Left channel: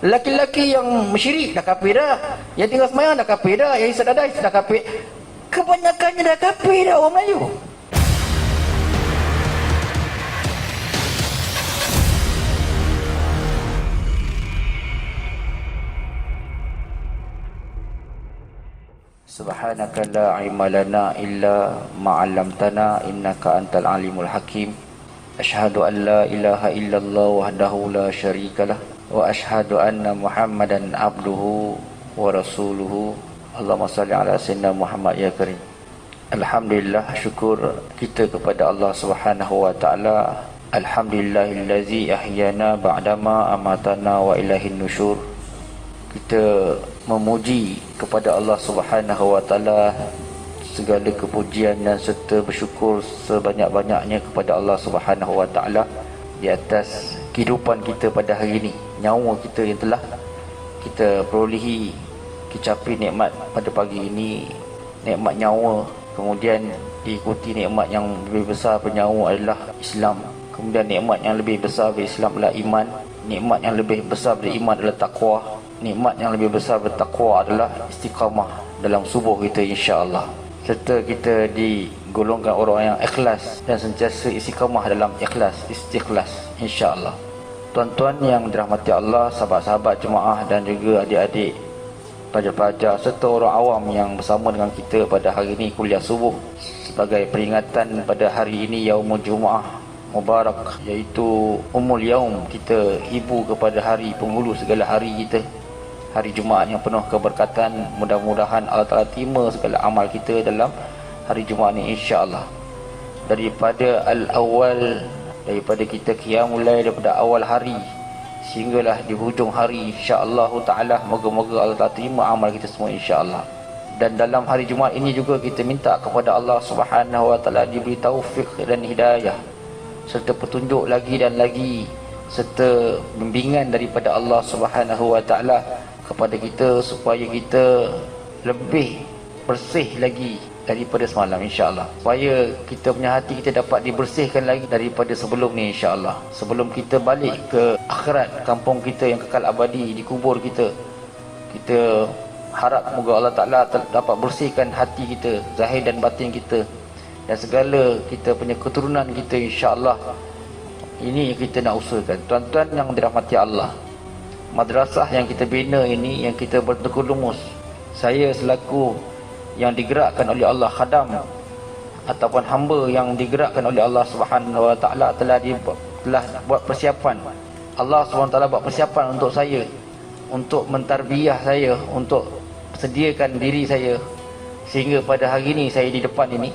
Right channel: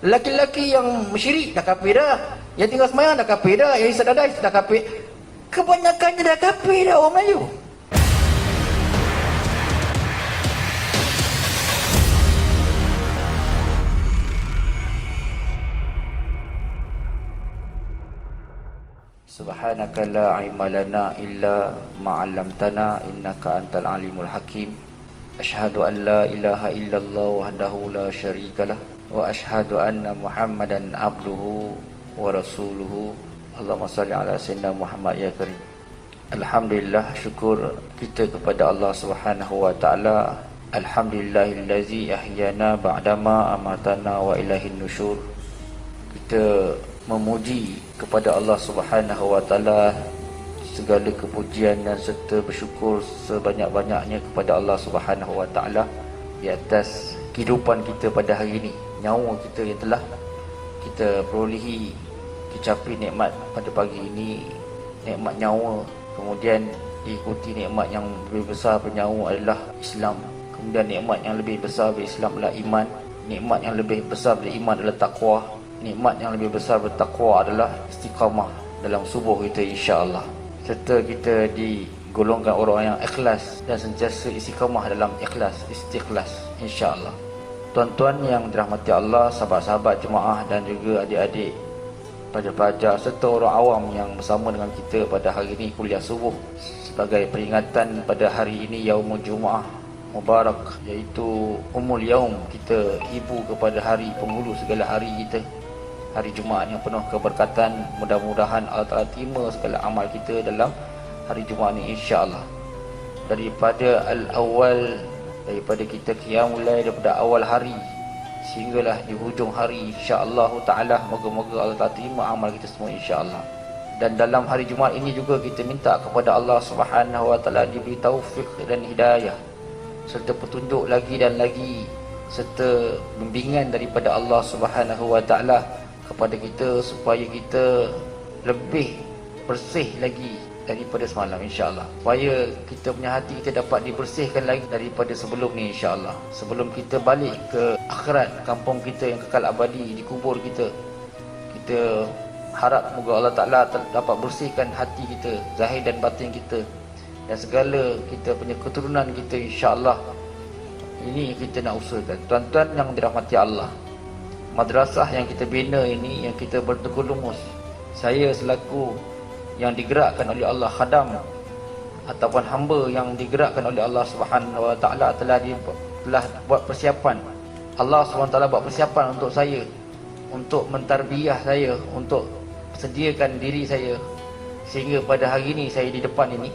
Lelaki-lelaki yang syirik dah kafir dah, yang tinggal semayang dah kafir dah, yang isap dadai dah kafir. Kebanyakannya dah kafir dah orang Melayu. Subhanaka la ilma lana illa ma 'allamtana innaka antal alimul hakim. Asyhadu an la ilaha illallah wahdahu la syarikalah wa asyhadu anna Muhammadan abduhu wa rasuluhu. Allahumma salli ala sayyidina Muhammad ya karim. Alhamdulillah, syukur kita kepada Allah Subhanahu wa taala. Alhamdulillahillazi ahyana ba'dama amatana wa ilaihin nusyur. Kita memuji kepada Allah Subhanahu wa taala, segala kepujian dan serta bersyukur sebanyak-banyaknya kepada Allah Subhanahu wa taala di atas kehidupan kita pada hari ini. Nyawa kita yang telah kita perolehi, kecapi nikmat pada pagi ini, nikmat nyawa. Kemudian diikuti nikmat yang lebih besar bernyawa adalah Islam. Kemudian nikmat yang lebih besar dari Islam adalah iman. Nikmat yang lebih besar dari iman adalah takwa. Nikmat yang lebih besar bertakwa adalah istiqamah dalam subuh kita, insya-Allah. Serta kita digolongkan orang yang ikhlas dan sentiasa istiqamah dalam ikhlas, istikhlas, insya-Allah. Tuan-tuan yang dirahmati Allah, sahabat-sahabat jemaah dan juga adik-adik pelajar-pelajar serta orang awam yang bersama dengan kita pada hari ini kuliah subuh sebagai peringatan pada hari ini Yaumul Jumaah Mubarak, iaitu Ummul Yaum. Kita ibu kepada hari penghulu segala hari kita, hari Jumaat yang penuh keberkatan. Mudah-mudahan Allah Ta'ala terima segala amal kita dalam hari Jumaat ini, insya-Allah. Daripada al-awal, daripada kita qiyamul lail, daripada awal hari sehinggalah di hujung hari, insya-Allah Ta'ala, moga-moga Allah Ta'ala terima amal kita semua, insya-Allah. Dan dalam hari Jumaat ini juga kita minta kepada Allah Subhanahu wa taala diberi taufik dan hidayah serta petunjuk lagi dan lagi, serta bimbingan daripada Allah Subhanahu wa taala kepada kita supaya kita lebih bersih lagi daripada semalam, insya-Allah. Supaya kita punya hati kita dapat dibersihkan lagi daripada sebelum ni, insya-Allah. Sebelum kita balik ke akhirat, kampung kita yang kekal abadi, di kubur kita, kita harap moga Allah Ta'ala dapat bersihkan hati kita, zahir dan batin kita, dan segala kita punya keturunan kita, insya-Allah. Ini kita nak usahakan. Tuan-tuan yang dirahmati Allah, madrasah yang kita bina ini, yang kita bertekulumus, saya selaku yang digerakkan oleh Allah, khadam ataupun hamba yang digerakkan oleh Allah Subhanahu wa taala, telah buat persiapan. Allah Subhanahu wa taala buat persiapan untuk saya, untuk mentarbiah saya, untuk sediakan diri saya sehingga pada hari ini saya di depan ini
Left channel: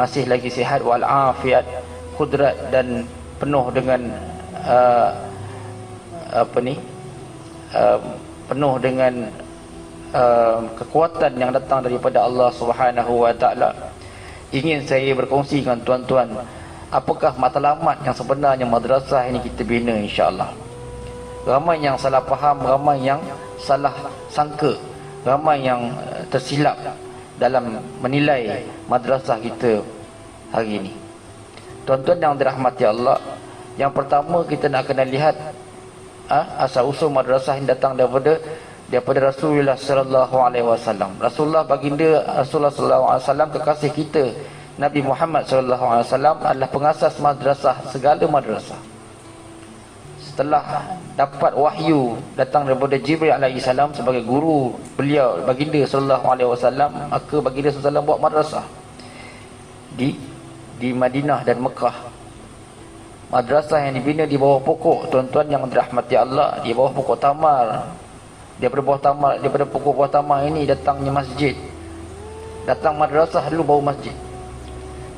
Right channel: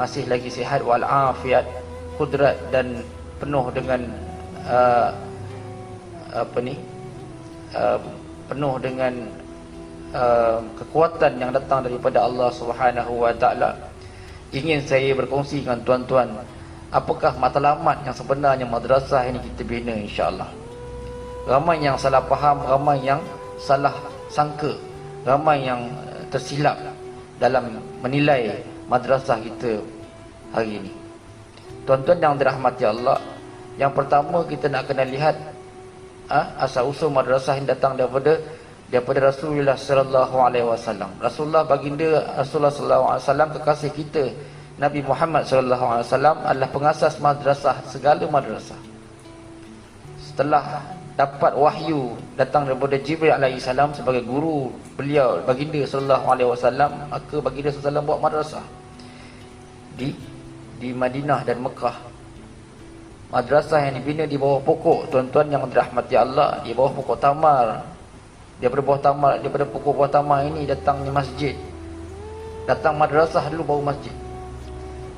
masih lagi sihat wal afiat, kudrat dan penuh dengan penuh dengan kekuatan yang datang daripada Allah Subhanahu wa taala. Ingin saya berkongsi dengan tuan-tuan apakah matlamat yang sebenarnya madrasah ini kita bina, insya-Allah. Ramai yang salah faham, ramai yang salah sangka, ramai yang tersilap dalam menilai madrasah kita hari ini. Tuan-tuan yang dirahmati Allah, yang pertama kita nak kena lihat asal usul madrasah ini datang daripada Rasulullah sallallahu alaihi wasallam. Rasulullah, baginda Rasulullah sallallahu alaihi wasallam, kekasih kita Nabi Muhammad sallallahu alaihi wasallam adalah pengasas madrasah, segala madrasah. Setelah dapat wahyu datang daripada Jibril alaihi salam sebagai guru beliau baginda sallallahu alaihi wasallam, maka baginda sallallahu alaihi wasallam buat madrasah di Madinah dan Mekah. Madrasah yang dibina di bawah pokok, tuan-tuan yang dirahmati Allah, di bawah pokok tamar. Daripada pokok buah tamar ini datangnya masjid. Datang madrasah dulu baru masjid.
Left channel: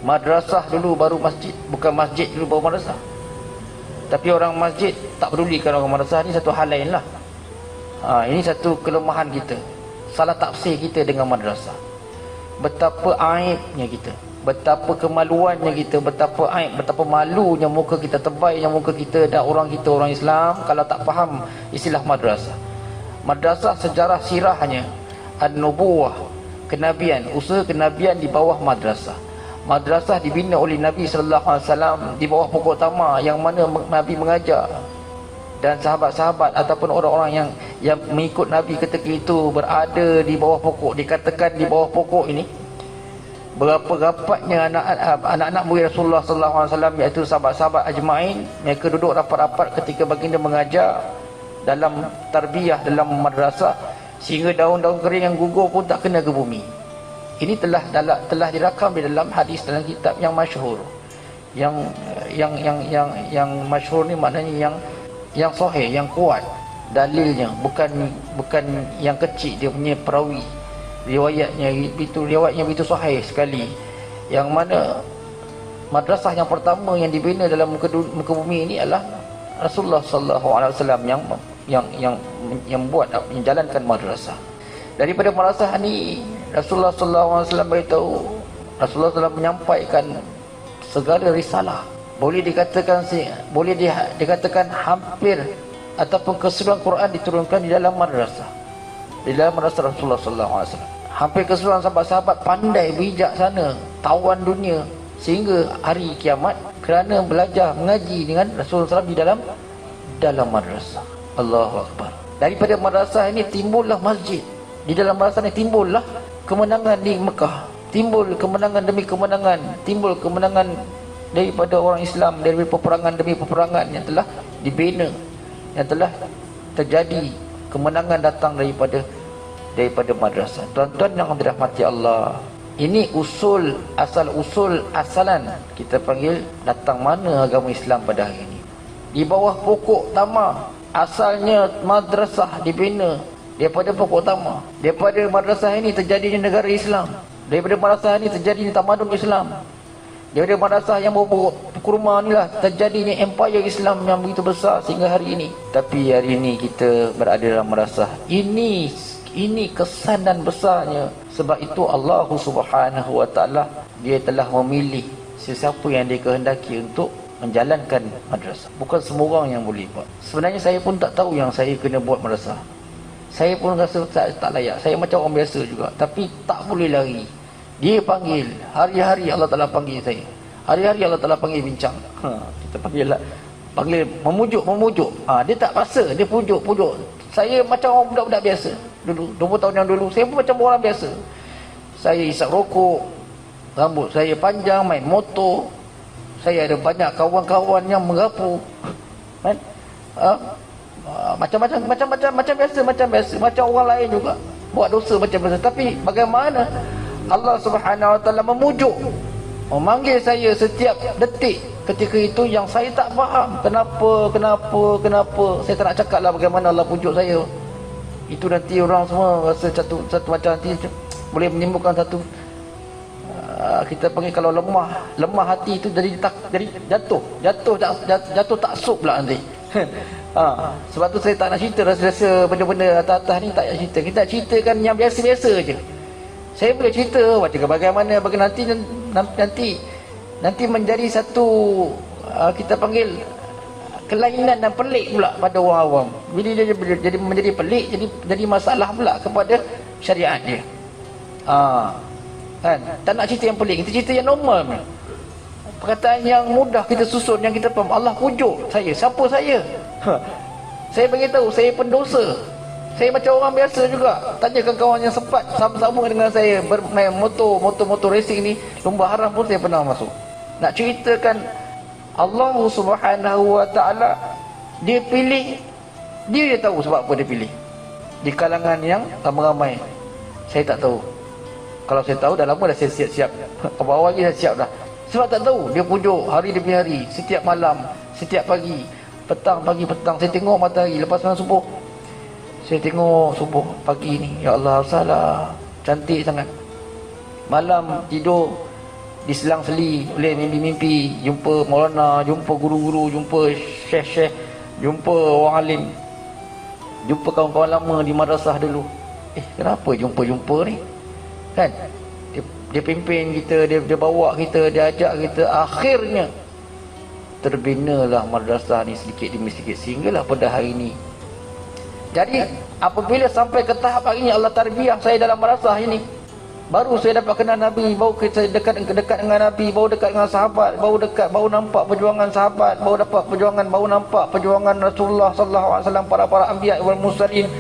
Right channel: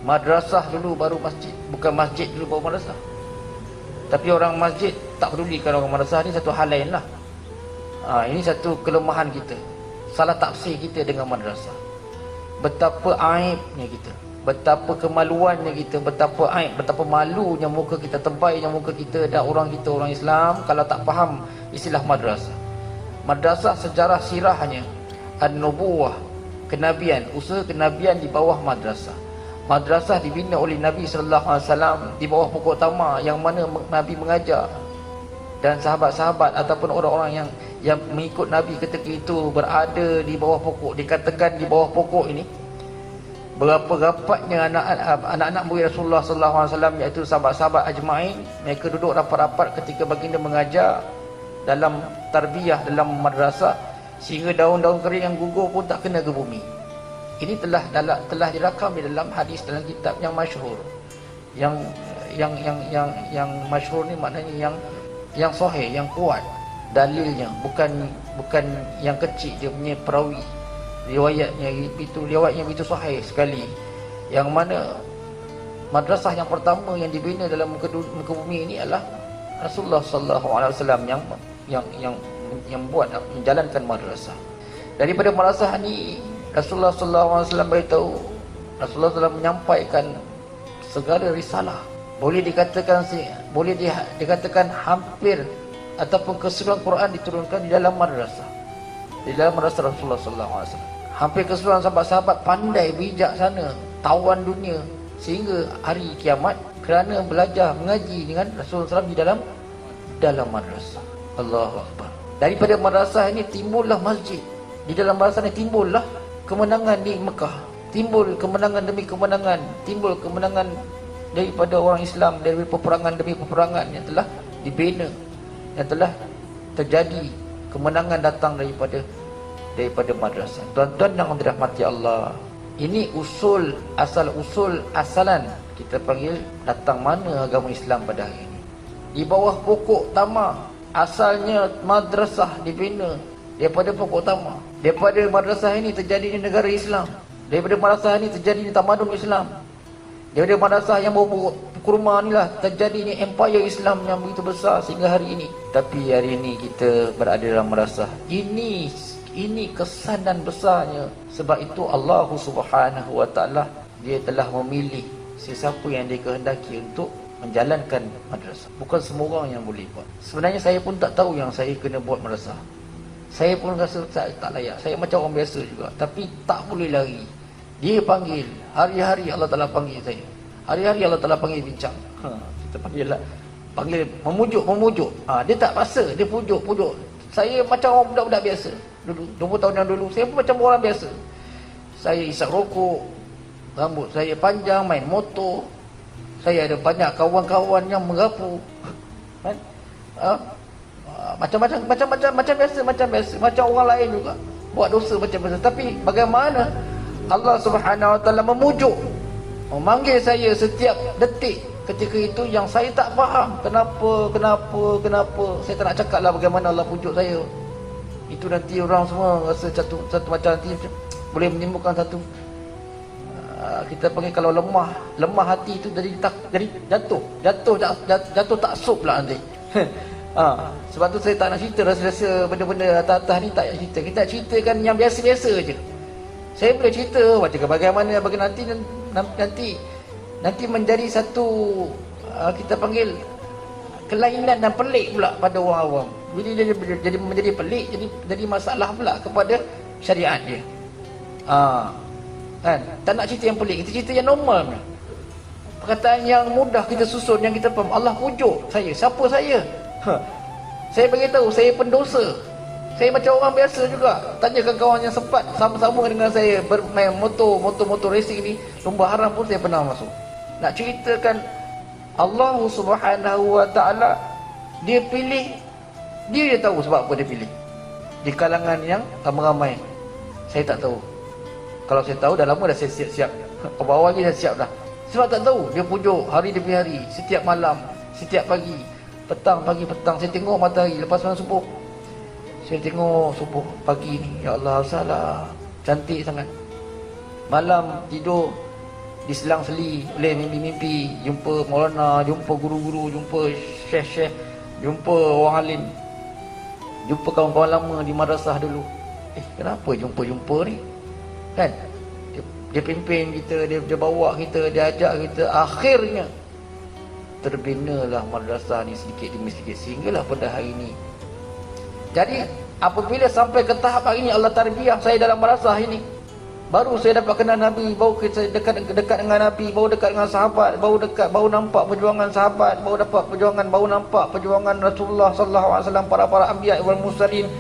Madrasah dulu baru masjid, bukan masjid dulu baru madrasah. Tapi orang masjid tak pedulikan orang madrasah, ni satu hal lain lah. Ini satu kelemahan kita, salah tafsir kita dengan madrasah. Betapa aibnya kita, betapa kemaluannya kita, betapa aib, betapa malunya muka kita, tebalnya muka kita dan orang kita, orang Islam, kalau tak faham istilah madrasah. Madrasah sejarah sirahnya an-nubuwah, kenabian, usaha kenabian di bawah madrasah. Madrasah dibina oleh Nabi sallallahu alaihi wasallam di bawah pokok tamar, yang mana Nabi mengajar dan sahabat-sahabat ataupun orang-orang yang mengikut Nabi ketika itu berada di bawah pokok, dikatakan di bawah pokok ini berapa rapatnya anak-anak murid Rasulullah sallallahu alaihi wasallam, iaitu sahabat-sahabat ajmain. Mereka duduk rapat-rapat ketika baginda mengajar dalam tarbiyah, dalam madrasah, sehingga daun-daun kering yang gugur pun tak kena ke bumi. Ini telah dirakam di dalam hadis, dalam kitab yang masyhur. Yang masyhur ni maknanya yang sahih, yang kuat dalilnya, bukan yang kecil dia punya perawi. Riwayatnya begitu sahih sekali, yang mana madrasah yang pertama yang dibina dalam muka bumi ini adalah Rasulullah sallallahu alaihi wasallam yang buat, yang jalankan madrasah. Daripada madrasah ini Rasulullah sallallahu alaihi wasallam beritahu, Rasulullah telah menyampaikan segala risalah. Boleh dikatakan hampir ataupun keseluruhan Quran diturunkan di dalam madrasah. Di dalam madrasah Rasulullah sallallahu alaihi wasallam. Hampir keseluruhan sahabat-sahabat pandai, bijaksana, tawan dunia sehingga hari kiamat kerana belajar mengaji dengan Rasulullah SAW di dalam madrasah. Allahu Akbar. Daripada madrasah ini timbullah masjid. Di dalam madrasah ini timbullah kemenangan di Mekah. Timbul kemenangan demi kemenangan. Timbul kemenangan daripada orang Islam, dari peperangan demi peperangan yang telah dibina, yang telah terjadi. Kemenangan datang daripada madrasah. Tuan-tuan yang dirahmati Allah, ini asalan kita panggil datang mana agama Islam pada hari ini. Di bawah pokok tama, asalnya madrasah dibina daripada pokok tama. Daripada madrasah ini terjadinya negara Islam. Daripada madrasah ini terjadinya tamadun Islam. Daripada madrasah yang bawa kurma inilah terjadinya empire Islam yang begitu besar sehingga hari ini. Tapi hari ini kita berada dalam madrasah. Ini kesanan besarnya. Sebab itu Allah Subhanahu wa taala, dia telah memilih sesiapa yang dia kehendaki untuk menjalankan madrasah. Bukan semua orang yang boleh buat. Sebenarnya saya pun tak tahu yang saya kena buat madrasah. Saya pun rasa saya tak layak. Saya macam orang biasa juga, tapi tak boleh lari. Dia panggil, hari-hari Allah Ta'ala panggil saya. Hari-hari Allah Ta'ala panggil bincang. Kita panggil memujuk. Dia tak rasa, dia pujuk. Saya macam orang budak-budak biasa. Dulu 20 tahun yang dulu saya pun macam orang biasa. Saya isap rokok, rambut saya panjang, main motor. Saya ada banyak kawan-kawan yang merapu. Kan? Macam biasa, macam orang lain juga. Buat dosa macam biasa. Tapi bagaimana Allah Subhanahu wa taala memujuk, memanggil saya setiap detik ketika itu yang saya tak faham. Kenapa saya tak nak cakap lah bagaimana Allah pujuk saya. Itu nanti orang semua rasa satu macam nanti boleh menimbulkan satu kita panggil kalau lemah hati itu dari jatuh taksub pula nanti. Sebab tu saya tak nak cerita rasa benda-benda atas-atas ni, tak nak cerita. Kita ceritakan yang biasa-biasa je. Saya boleh cerita macam bagaimana nanti menjadi satu kita panggil kelainan dan pelik pula pada orang awam. Bila dia jadi menjadi pelik, jadi masalah pula kepada syariat dia. Kan? Tak nak cerita yang pelik, kita cerita yang normal ni. Perkataan yang mudah kita susun, yang kita faham. Allah pujuk saya. Siapa saya? Saya beritahu saya pendosa. Saya macam orang biasa juga. Tanyakan kawan yang sempat sama-sama dengan saya bermain motor racing ni, lomba haram pun saya pernah masuk. Nak ceritakan Allah Subhanahu wa taala, dia pilih, dia tahu sebab apa dia pilih. Di kalangan yang ramai-ramai. Saya tak tahu. Kalau saya tahu dah lama dah saya siap-siap. Awal-awal ni dah siap dah. Sebab tak tahu, dia pujuk hari demi hari, setiap malam, setiap pagi, petang, saya tengok matahari lepas malam subuh. Saya tengok subuh pagi ni, ya Allah, salah cantik sangat. Malam tidur diselang-seli oleh mimpi-mimpi, jumpa maulana, jumpa guru-guru, jumpa syekh-syekh, jumpa orang alim, jumpa kawan-kawan lama di madrasah dulu. Kenapa jumpa-jumpa ni? Kan? Dia pimpin kita, dia bawa kita, dia ajak kita. Akhirnya terbinalah madrasah ni sedikit demi sedikit sehinggalah pada hari ini. Jadi apabila sampai ke tahap hari ini Allah tarbiyah saya dalam madrasah ini, Baru saya dapat kenal Nabi, baru saya dekat dengan Nabi, baru dekat dengan sahabat, baru nampak perjuangan sahabat, baru nampak perjuangan Rasulullah sallallahu alaihi wasallam, para anbiya wal mursalin,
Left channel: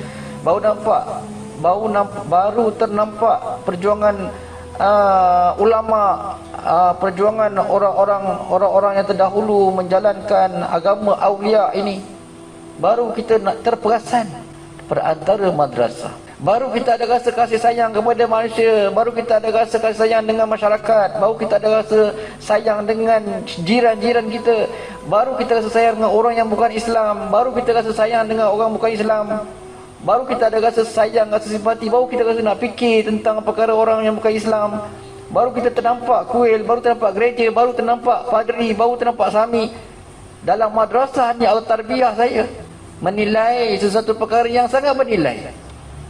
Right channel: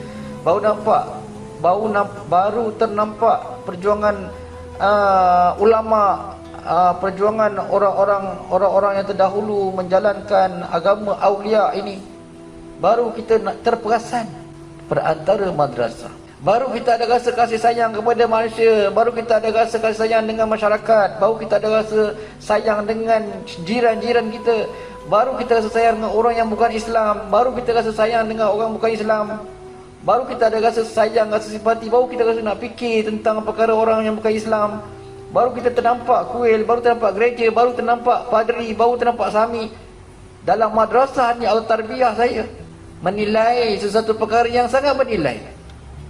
baru ternampak perjuangan ulama, perjuangan orang-orang yang terdahulu menjalankan agama aulia ini. Baru kita nak terperasan perantara madrasah. Baru kita ada rasa kasih sayang kepada manusia. Baru kita ada rasa kasih sayang dengan masyarakat. Baru kita ada rasa sayang dengan jiran-jiran kita. Baru kita rasa sayang dengan orang yang bukan Islam. Baru kita rasa sayang dengan orang bukan Islam. Baru kita ada rasa sayang, rasa simpati. Baru kita rasa nak fikir tentang perkara orang yang bukan Islam. Baru kita ternampak kuil, baru ternampak gereja, baru ternampak padri, baru ternampak sami. Dalam madrasah ni al-tarbiyah saya menilai sesuatu perkara yang sangat bernilai.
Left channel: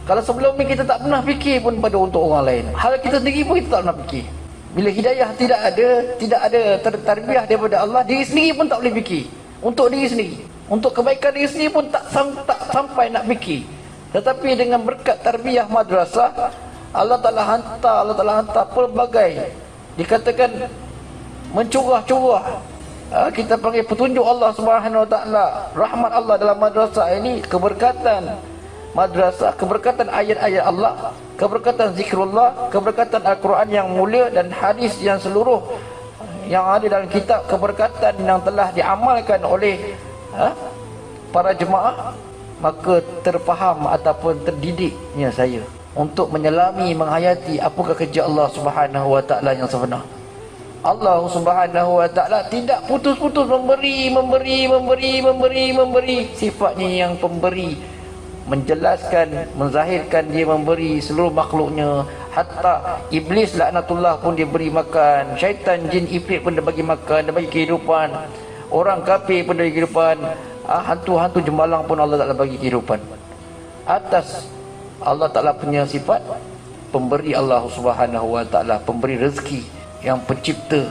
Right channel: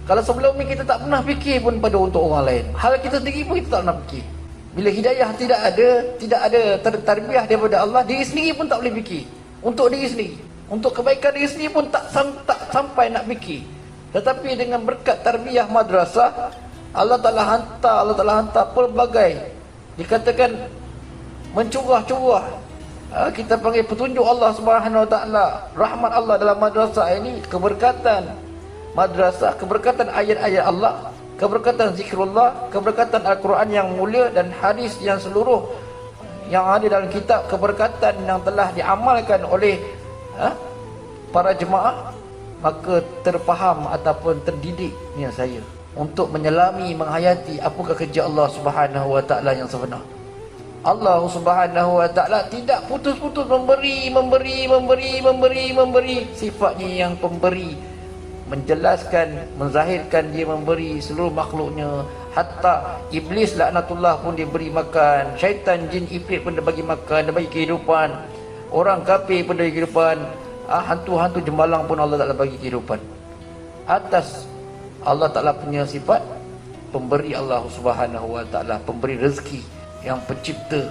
Kalau sebelum ni kita tak pernah fikir pun pada untuk orang lain. Hal kita sendiri pun kita tak pernah fikir. Bila hidayah tidak ada tarbiyah daripada Allah, diri sendiri pun tak boleh fikir. Untuk diri sendiri, untuk kebaikan diri sendiri pun tak sampai nak fikir. Tetapi dengan berkat tarbiyah madrasah, Allah Ta'ala hantar pelbagai, dikatakan mencurah-curah, kita panggil petunjuk Allah Subhanahu Wa Ta'ala, rahmat Allah dalam madrasah ini, keberkatan madrasah, keberkatan ayat-ayat Allah, keberkatan zikrullah, keberkatan Al-Quran yang mulia dan hadis yang seluruh yang ada dalam kitab, keberkatan yang telah diamalkan oleh para jemaah. Maka terfaham ataupun terdidiknya saya untuk menyelami, menghayati apakah kerja Allah Subhanahu Wa Ta'ala yang sebenar. Allah Subhanahu Wa Ta'ala tidak putus-putus memberi. Sifatnya yang pemberi, menjelaskan, menzahirkan dia memberi seluruh makhluknya. Hatta iblis laknatullah pun dia beri makan, syaitan, jin, ifrit pun dia bagi makan, dia bagi kehidupan. Orang kafir pun dia bagi kehidupan, hantu-hantu jemalang pun Allah Ta'ala bagi kehidupan. Atas Allah Ta'ala punya sifat pemberi, Allah Subhanahu Wa Ta'ala pemberi rezeki, yang pencipta.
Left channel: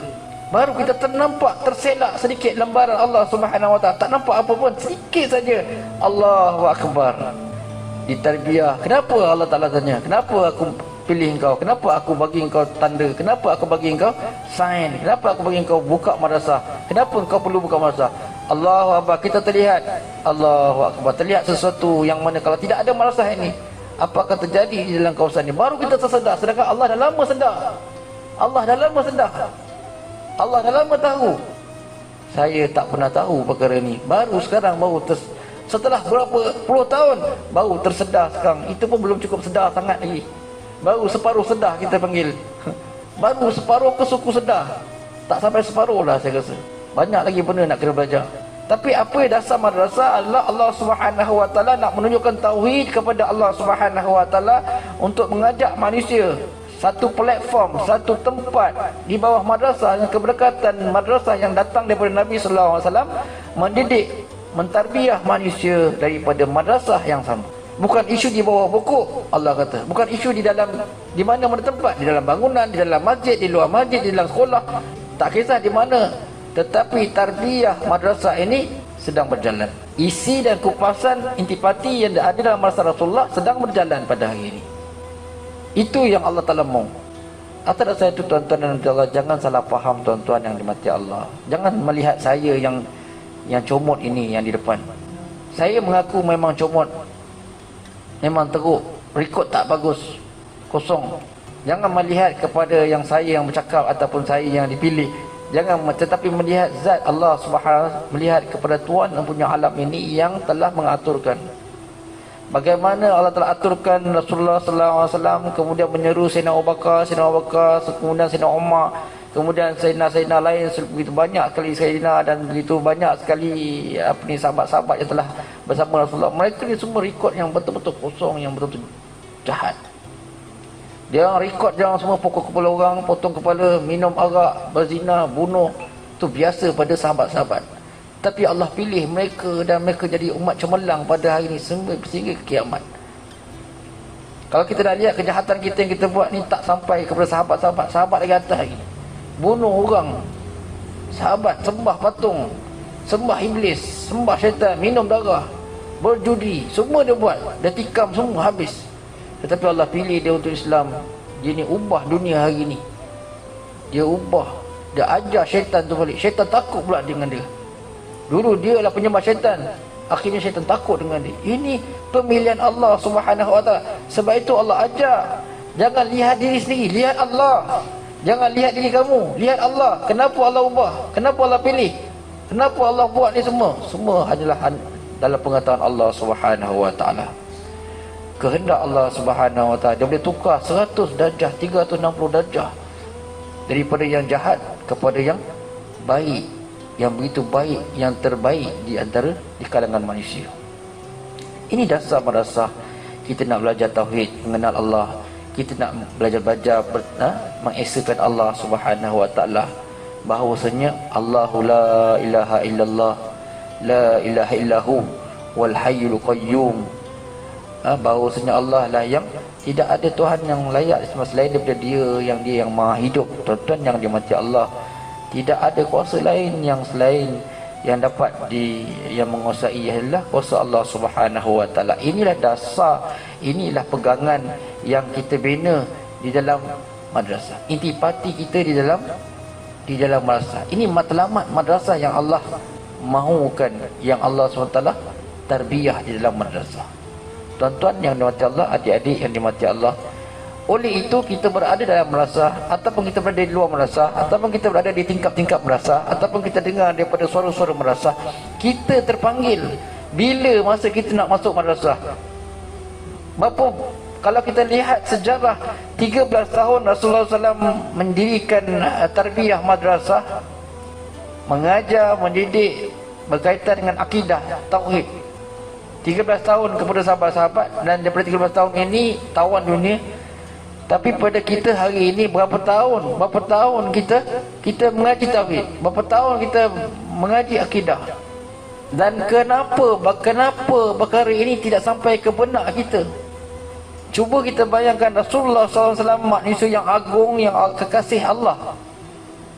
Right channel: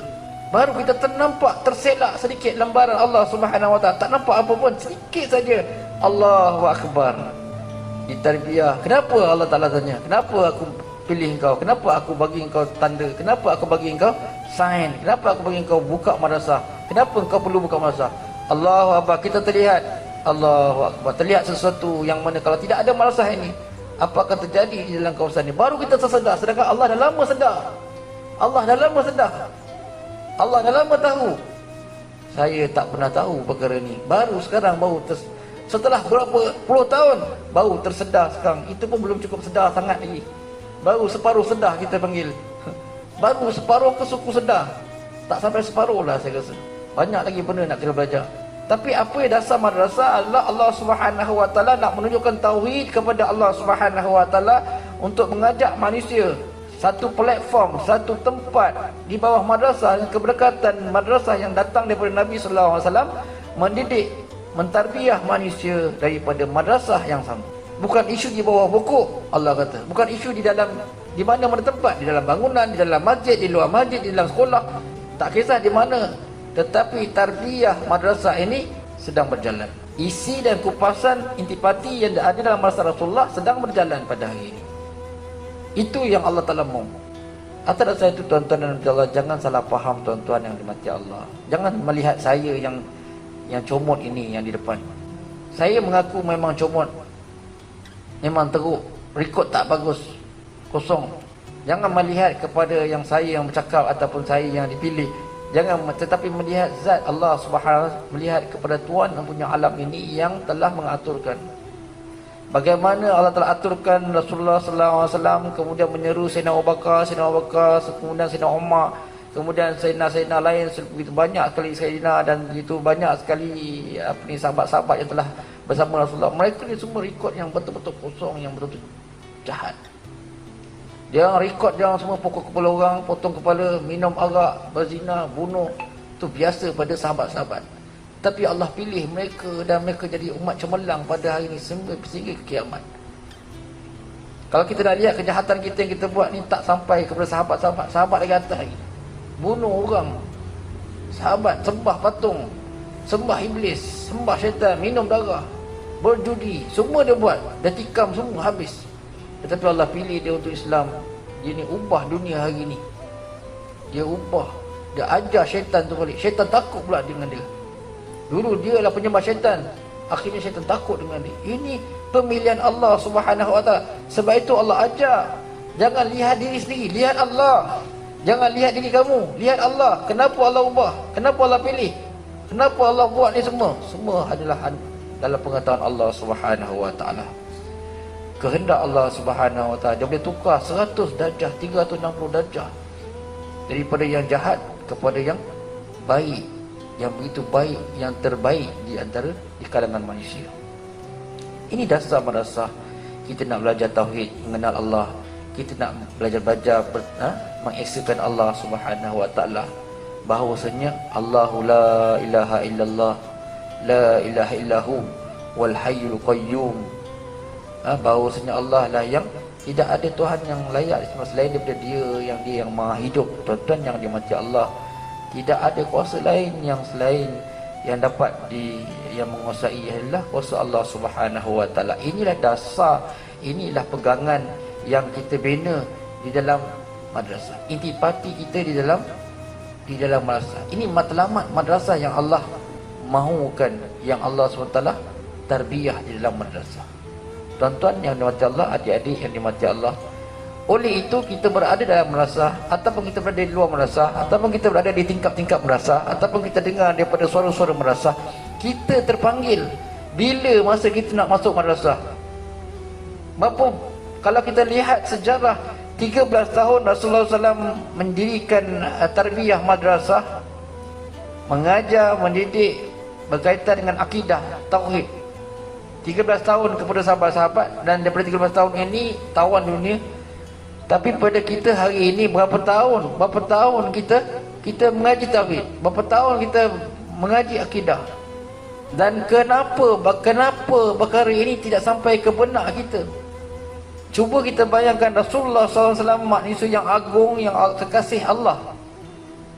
Baru kita ternampak, terselak sedikit lembaran Allah Subhanahu Wa Ta'ala. Tak nampak apa pun, sedikit saja. Allahu Akbar. Ditarbiyah. Kenapa Allah Ta'ala tanya? Kenapa aku pilih engkau? Kenapa aku bagi engkau tanda? Kenapa aku bagi engkau sign? Kenapa aku bagi engkau buka madrasah? Kenapa engkau perlu buka madrasah? Allahu Akbar. Kita terlihat, Allahu Akbar, terlihat sesuatu yang mana kalau tidak ada madrasah ini, apa akan terjadi di dalam kawasan ini? Baru kita tersedar. Sedangkan Allah dah lama sedar. Allah dah lama tahu. Saya tak pernah tahu perkara ni. Baru sekarang, setelah berapa puluh tahun, baru tersedar sekarang. Itu pun belum cukup sedar sangat lagi. Baru separuh sedar kita panggil. Baru separuh ke suku sedar. Tak sampai separuh lah saya rasa. Banyak lagi benda nak kena belajar. Tapi apa yang dasar madrasah adalah Allah Subhanahu Wa Ta'ala nak menunjukkan tauhid kepada Allah Subhanahu Wa Ta'ala, untuk mengajak manusia satu platform, satu tempat di bawah madrasah, yang keberkatan madrasah yang datang daripada Nabi sallallahu alaihi wasallam, mendidik, mentarbiyah manusia daripada madrasah yang sama. Bukan isu di bawah pokok, Allah kata. Bukan isu di mana tempat, di dalam bangunan, di dalam masjid, di luar masjid, di dalam sekolah, tak kisah di mana. Tetapi tarbiyah madrasah ini sedang berjalan. Isi dan kupasan intipati yang ada dalam madrasah Rasulullah sedang berjalan pada hari ini. Itu yang Allah Ta'ala mau. Atas dasar itu, tuan-tuan dan Allah, jangan salah faham tuan-tuan yang dimati Allah. Jangan melihat saya yang comot ini yang di depan. Saya mengaku memang comot, memang teruk, rekod tak bagus, kosong. Jangan melihat kepada yang saya yang bercakap ataupun saya yang dipilih. Jangan, tetapi melihat zat Allah Subhanahu, melihat kepada Tuhan yang punya alam ini yang telah mengaturkan. Bagaimana Allah telah aturkan Rasulullah sallallahu alaihi wasallam, kemudian menyeru Sayyidina Abu Bakar, kemudian Sayyidina Umar, kemudian Sayyidina lain, begitu banyak sekali Sayyidina, dan begitu banyak sekali sahabat-sahabat yang telah bersama Rasulullah. Mereka ni semua rekod yang betul-betul kosong, yang betul-betul jahat. Dia orang rekod, dia orang semua pokok kepala orang, potong kepala, minum arak, berzina, bunuh. Itu biasa pada sahabat-sahabat. Tapi Allah pilih mereka dan mereka jadi umat cemerlang pada hari ini sehingga ke kiamat. Kalau kita dah lihat kejahatan kita yang kita buat ni tak sampai kepada sahabat-sahabat, sahabat lagi atas lagi. Bunuh orang, sahabat, sembah patung, sembah iblis, sembah syaitan, minum darah, berjudi, semua dia buat, dia tikam semua habis. Tetapi Allah pilih dia untuk Islam, Dia ni ubah dunia hari ni. Dia ubah. Dia ajar syaitan tu balik. Syaitan takut pula dengan dia. Dulu dia lah penyembah syaitan. Akhirnya syaitan takut dengan dia. Ini pemilihan Allah Subhanahu Wa Taala. Sebab itu Allah ajar, jangan lihat diri sendiri, lihat Allah. Jangan lihat diri kamu, lihat Allah. Kenapa Allah ubah? Kenapa Allah pilih? Kenapa Allah buat ni semua? Semua adalah dalam pengetahuan Allah Subhanahu Wa Taala. Kehendak Allah Subhanahu Wa Taala. Dia boleh tukar 100 darjah, 360 darjah, daripada yang jahat kepada yang baik, yang begitu baik, yang terbaik di antara di kalangan manusia. Ini dasar madrasah. Kita nak belajar tauhid, mengenal Allah. Kita nak belajar mengesakan Allah Subhanahu Wa Taala, bahawasanya Allahu la ilaha illallah, la ilaha illahu wal hayyul qayyum. Bahawasanya Allah lah yang tidak ada Tuhan yang layak selain daripada Dia yang maha hidup. Tuan-tuan yang dimati Allah, tidak ada kuasa lain yang selain yang dapat yang menguasai adalah kuasa Allah Subhanahu Wa Taala. Inilah dasar, inilah pegangan yang kita bina di dalam madrasah. Intipati kita di dalam madrasah. Ini matlamat madrasah yang Allah mahukan, yang Allah SWT tarbiyah di dalam madrasah. Tuan-tuan yang dimati Allah, adik-adik yang dimati Allah, oleh itu kita berada dalam madrasah, ataupun kita berada di luar madrasah, ataupun kita berada di tingkap-tingkap madrasah, ataupun kita dengar daripada suara-suara madrasah, kita terpanggil bila masa kita nak masuk madrasah. Bapa, kalau kita lihat sejarah 13 tahun Rasulullah SAW mendirikan tarbiyah madrasah, mengajar, mendidik berkaitan dengan akidah, tauhid. 13 tahun kepada sahabat-sahabat, dan daripada 13 tahun ini tawan dunia. Tapi pada kita hari ini berapa tahun kita mengaji tauhid, berapa tahun kita mengaji akidah. Dan kenapa perkara ini tidak sampai ke benak kita? Cuba kita bayangkan Rasulullah SAW, manusia yang agung, yang kekasih Allah,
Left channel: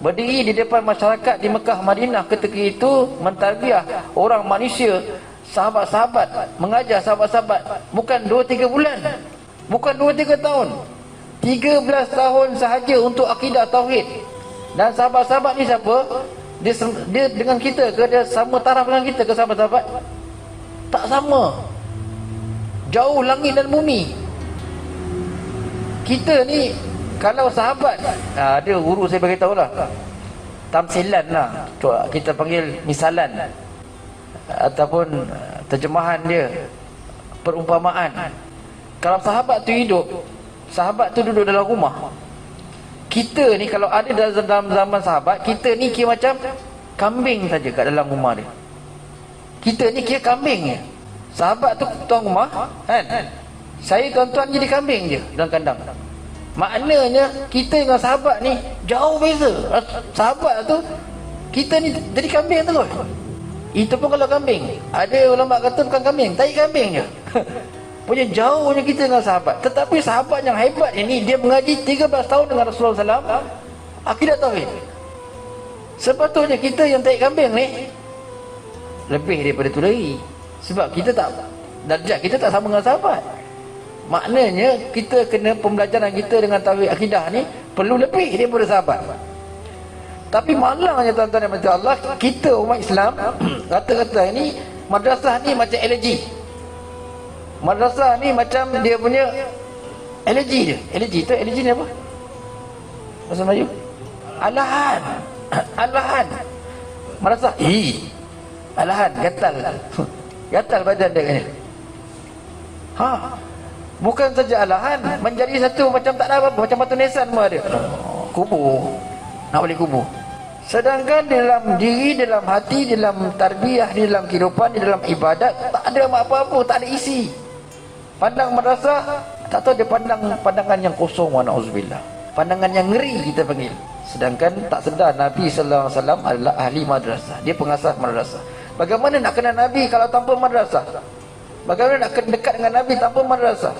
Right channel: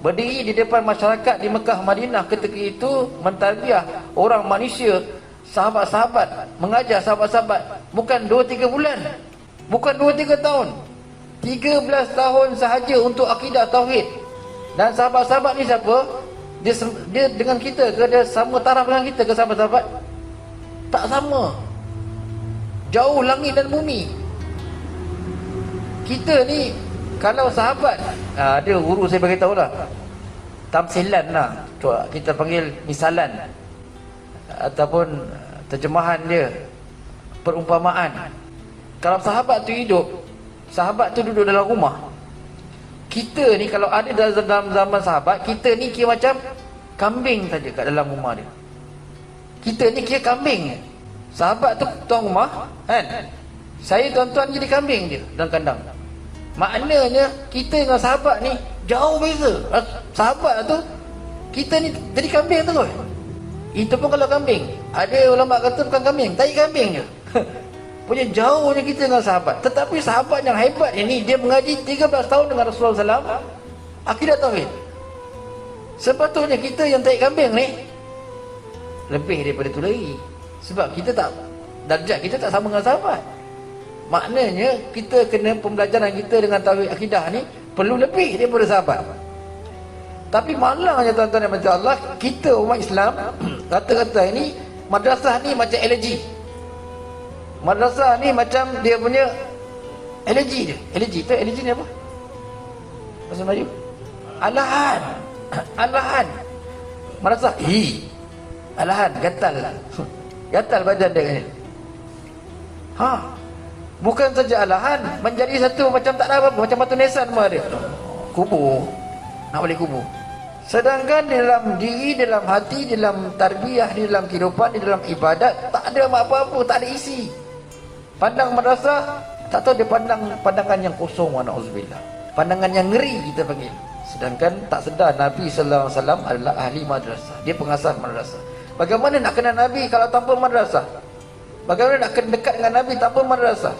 berdiri di depan masyarakat di Mekah Madinah ketika itu, mentarbiyah orang manusia, sahabat-sahabat, mengajar sahabat-sahabat. Bukan 2-3 bulan, bukan 2-3 tahun, 13 tahun sahaja untuk akidah tauhid. Dan sahabat-sahabat ni siapa? Dia dengan kita ke? Dia sama taraf dengan kita ke sahabat-sahabat? Tak sama. Jauh langit dan bumi. Kita ni kalau sahabat, dia guru saya beritahu lah, tamsilan lah, kita panggil misalan, ataupun terjemahan dia, perumpamaan. Kalau sahabat tu hidup, sahabat tu duduk dalam rumah. Kita ni kalau ada dalam zaman sahabat, kita ni kira macam kambing saja kat dalam rumah dia. Kita ni kira kambing je. Sahabat tu tuan rumah, kan? Saya tuan-tuan jadi kambing je dalam kandang. Maknanya kita dengan sahabat ni jauh beza. Sahabat tu, kita ni jadi kambing terus. Itu pun kalau kambing. Ada ulama kata bukan kambing, tai kambing je. Punya jauhnya kita dengan sahabat. Tetapi sahabat yang hebat ini, dia mengaji 13 tahun dengan Rasulullah SAW akidah tauhid. Sepatutnya kita yang tai kambing ni lebih daripada itu lagi. Sebab kita tak, darjat kita tak sama dengan sahabat. Maknanya kita kena, pembelajaran kita dengan tauhid akidah ni perlu lebih daripada sahabat. Tapi malangnya tuan-tuan yang macam Allah, kita umat Islam kata-kata ini, madrasah ni macam alergi. Madrasah ni macam dia punya alergi dia. Alergi tu, alergi ni apa bahasa Melayu? Alahan. Alahan. Madrasah alahan, gatal. Gatal badan dia ni. Bukan saja alahan, menjadi satu macam tak ada apa, macam batu nisan semua dia. Kubur. Nak balik kubur. Sedangkan dalam diri, dalam hati, dalam tarbiyah, di dalam kehidupan, di dalam ibadat, tak ada apa-apa, tak ada isi. Pandang madrasah, tak tahu dia pandangan yang kosong, wa na'udzubillah. Pandangan yang ngeri kita panggil. Sedangkan tak sedar Nabi sallallahu alaihi wasallam adalah ahli madrasah. Dia pengasas madrasah. Bagaimana nak kenal Nabi kalau tanpa madrasah? Bagaimana nak dekat dengan Nabi tanpa madrasah?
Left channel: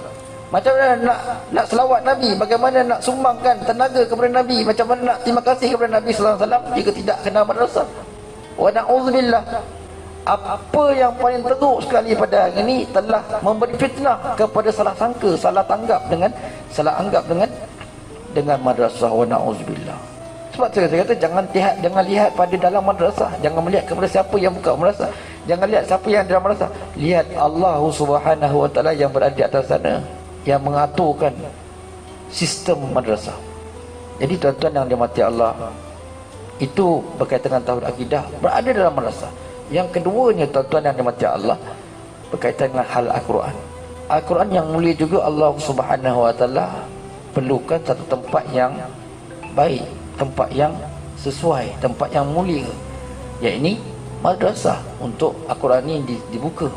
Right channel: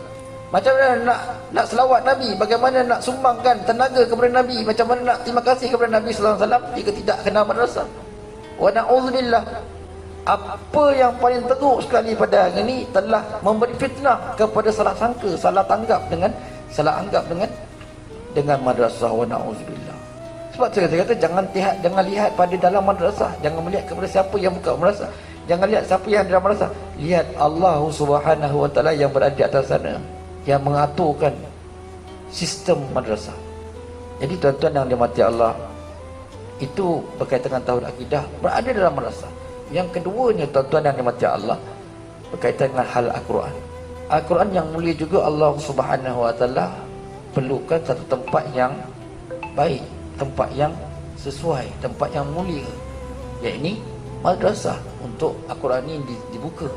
Macam mana nak selawat Nabi? Bagaimana nak sumbangkan tenaga kepada Nabi? Macam mana nak terima kasih kepada Nabi sallallahu alaihi wasallam jika tidak kenal madrasah? Wa na'udzubillah. Apa yang paling teruk sekali pada hari ini telah memberi fitnah kepada salah sangka, salah anggap dengan dengan madrasah, wa na'udzubillah. Sebab saya kata jangan lihat pada dalam madrasah, jangan melihat kepada siapa yang buka madrasah, jangan lihat siapa yang dalam madrasah, lihat Allah Subhanahu wa taala yang berada di atas sana, yang mengaturkan sistem madrasah. Jadi tuan-tuan yang dirahmati Allah, itu berkaitan dengan tauhid akidah, berada dalam madrasah. Yang keduanya tuan-tuan yang dirahmati Allah, berkaitan dengan hal Al-Quran. Al-Quran yang mulia juga, Allah Subhanahu wa taala perlukan satu tempat yang baik, tempat yang sesuai, tempat yang mulia, yakni madrasah, untuk Al-Quran ini dibuka,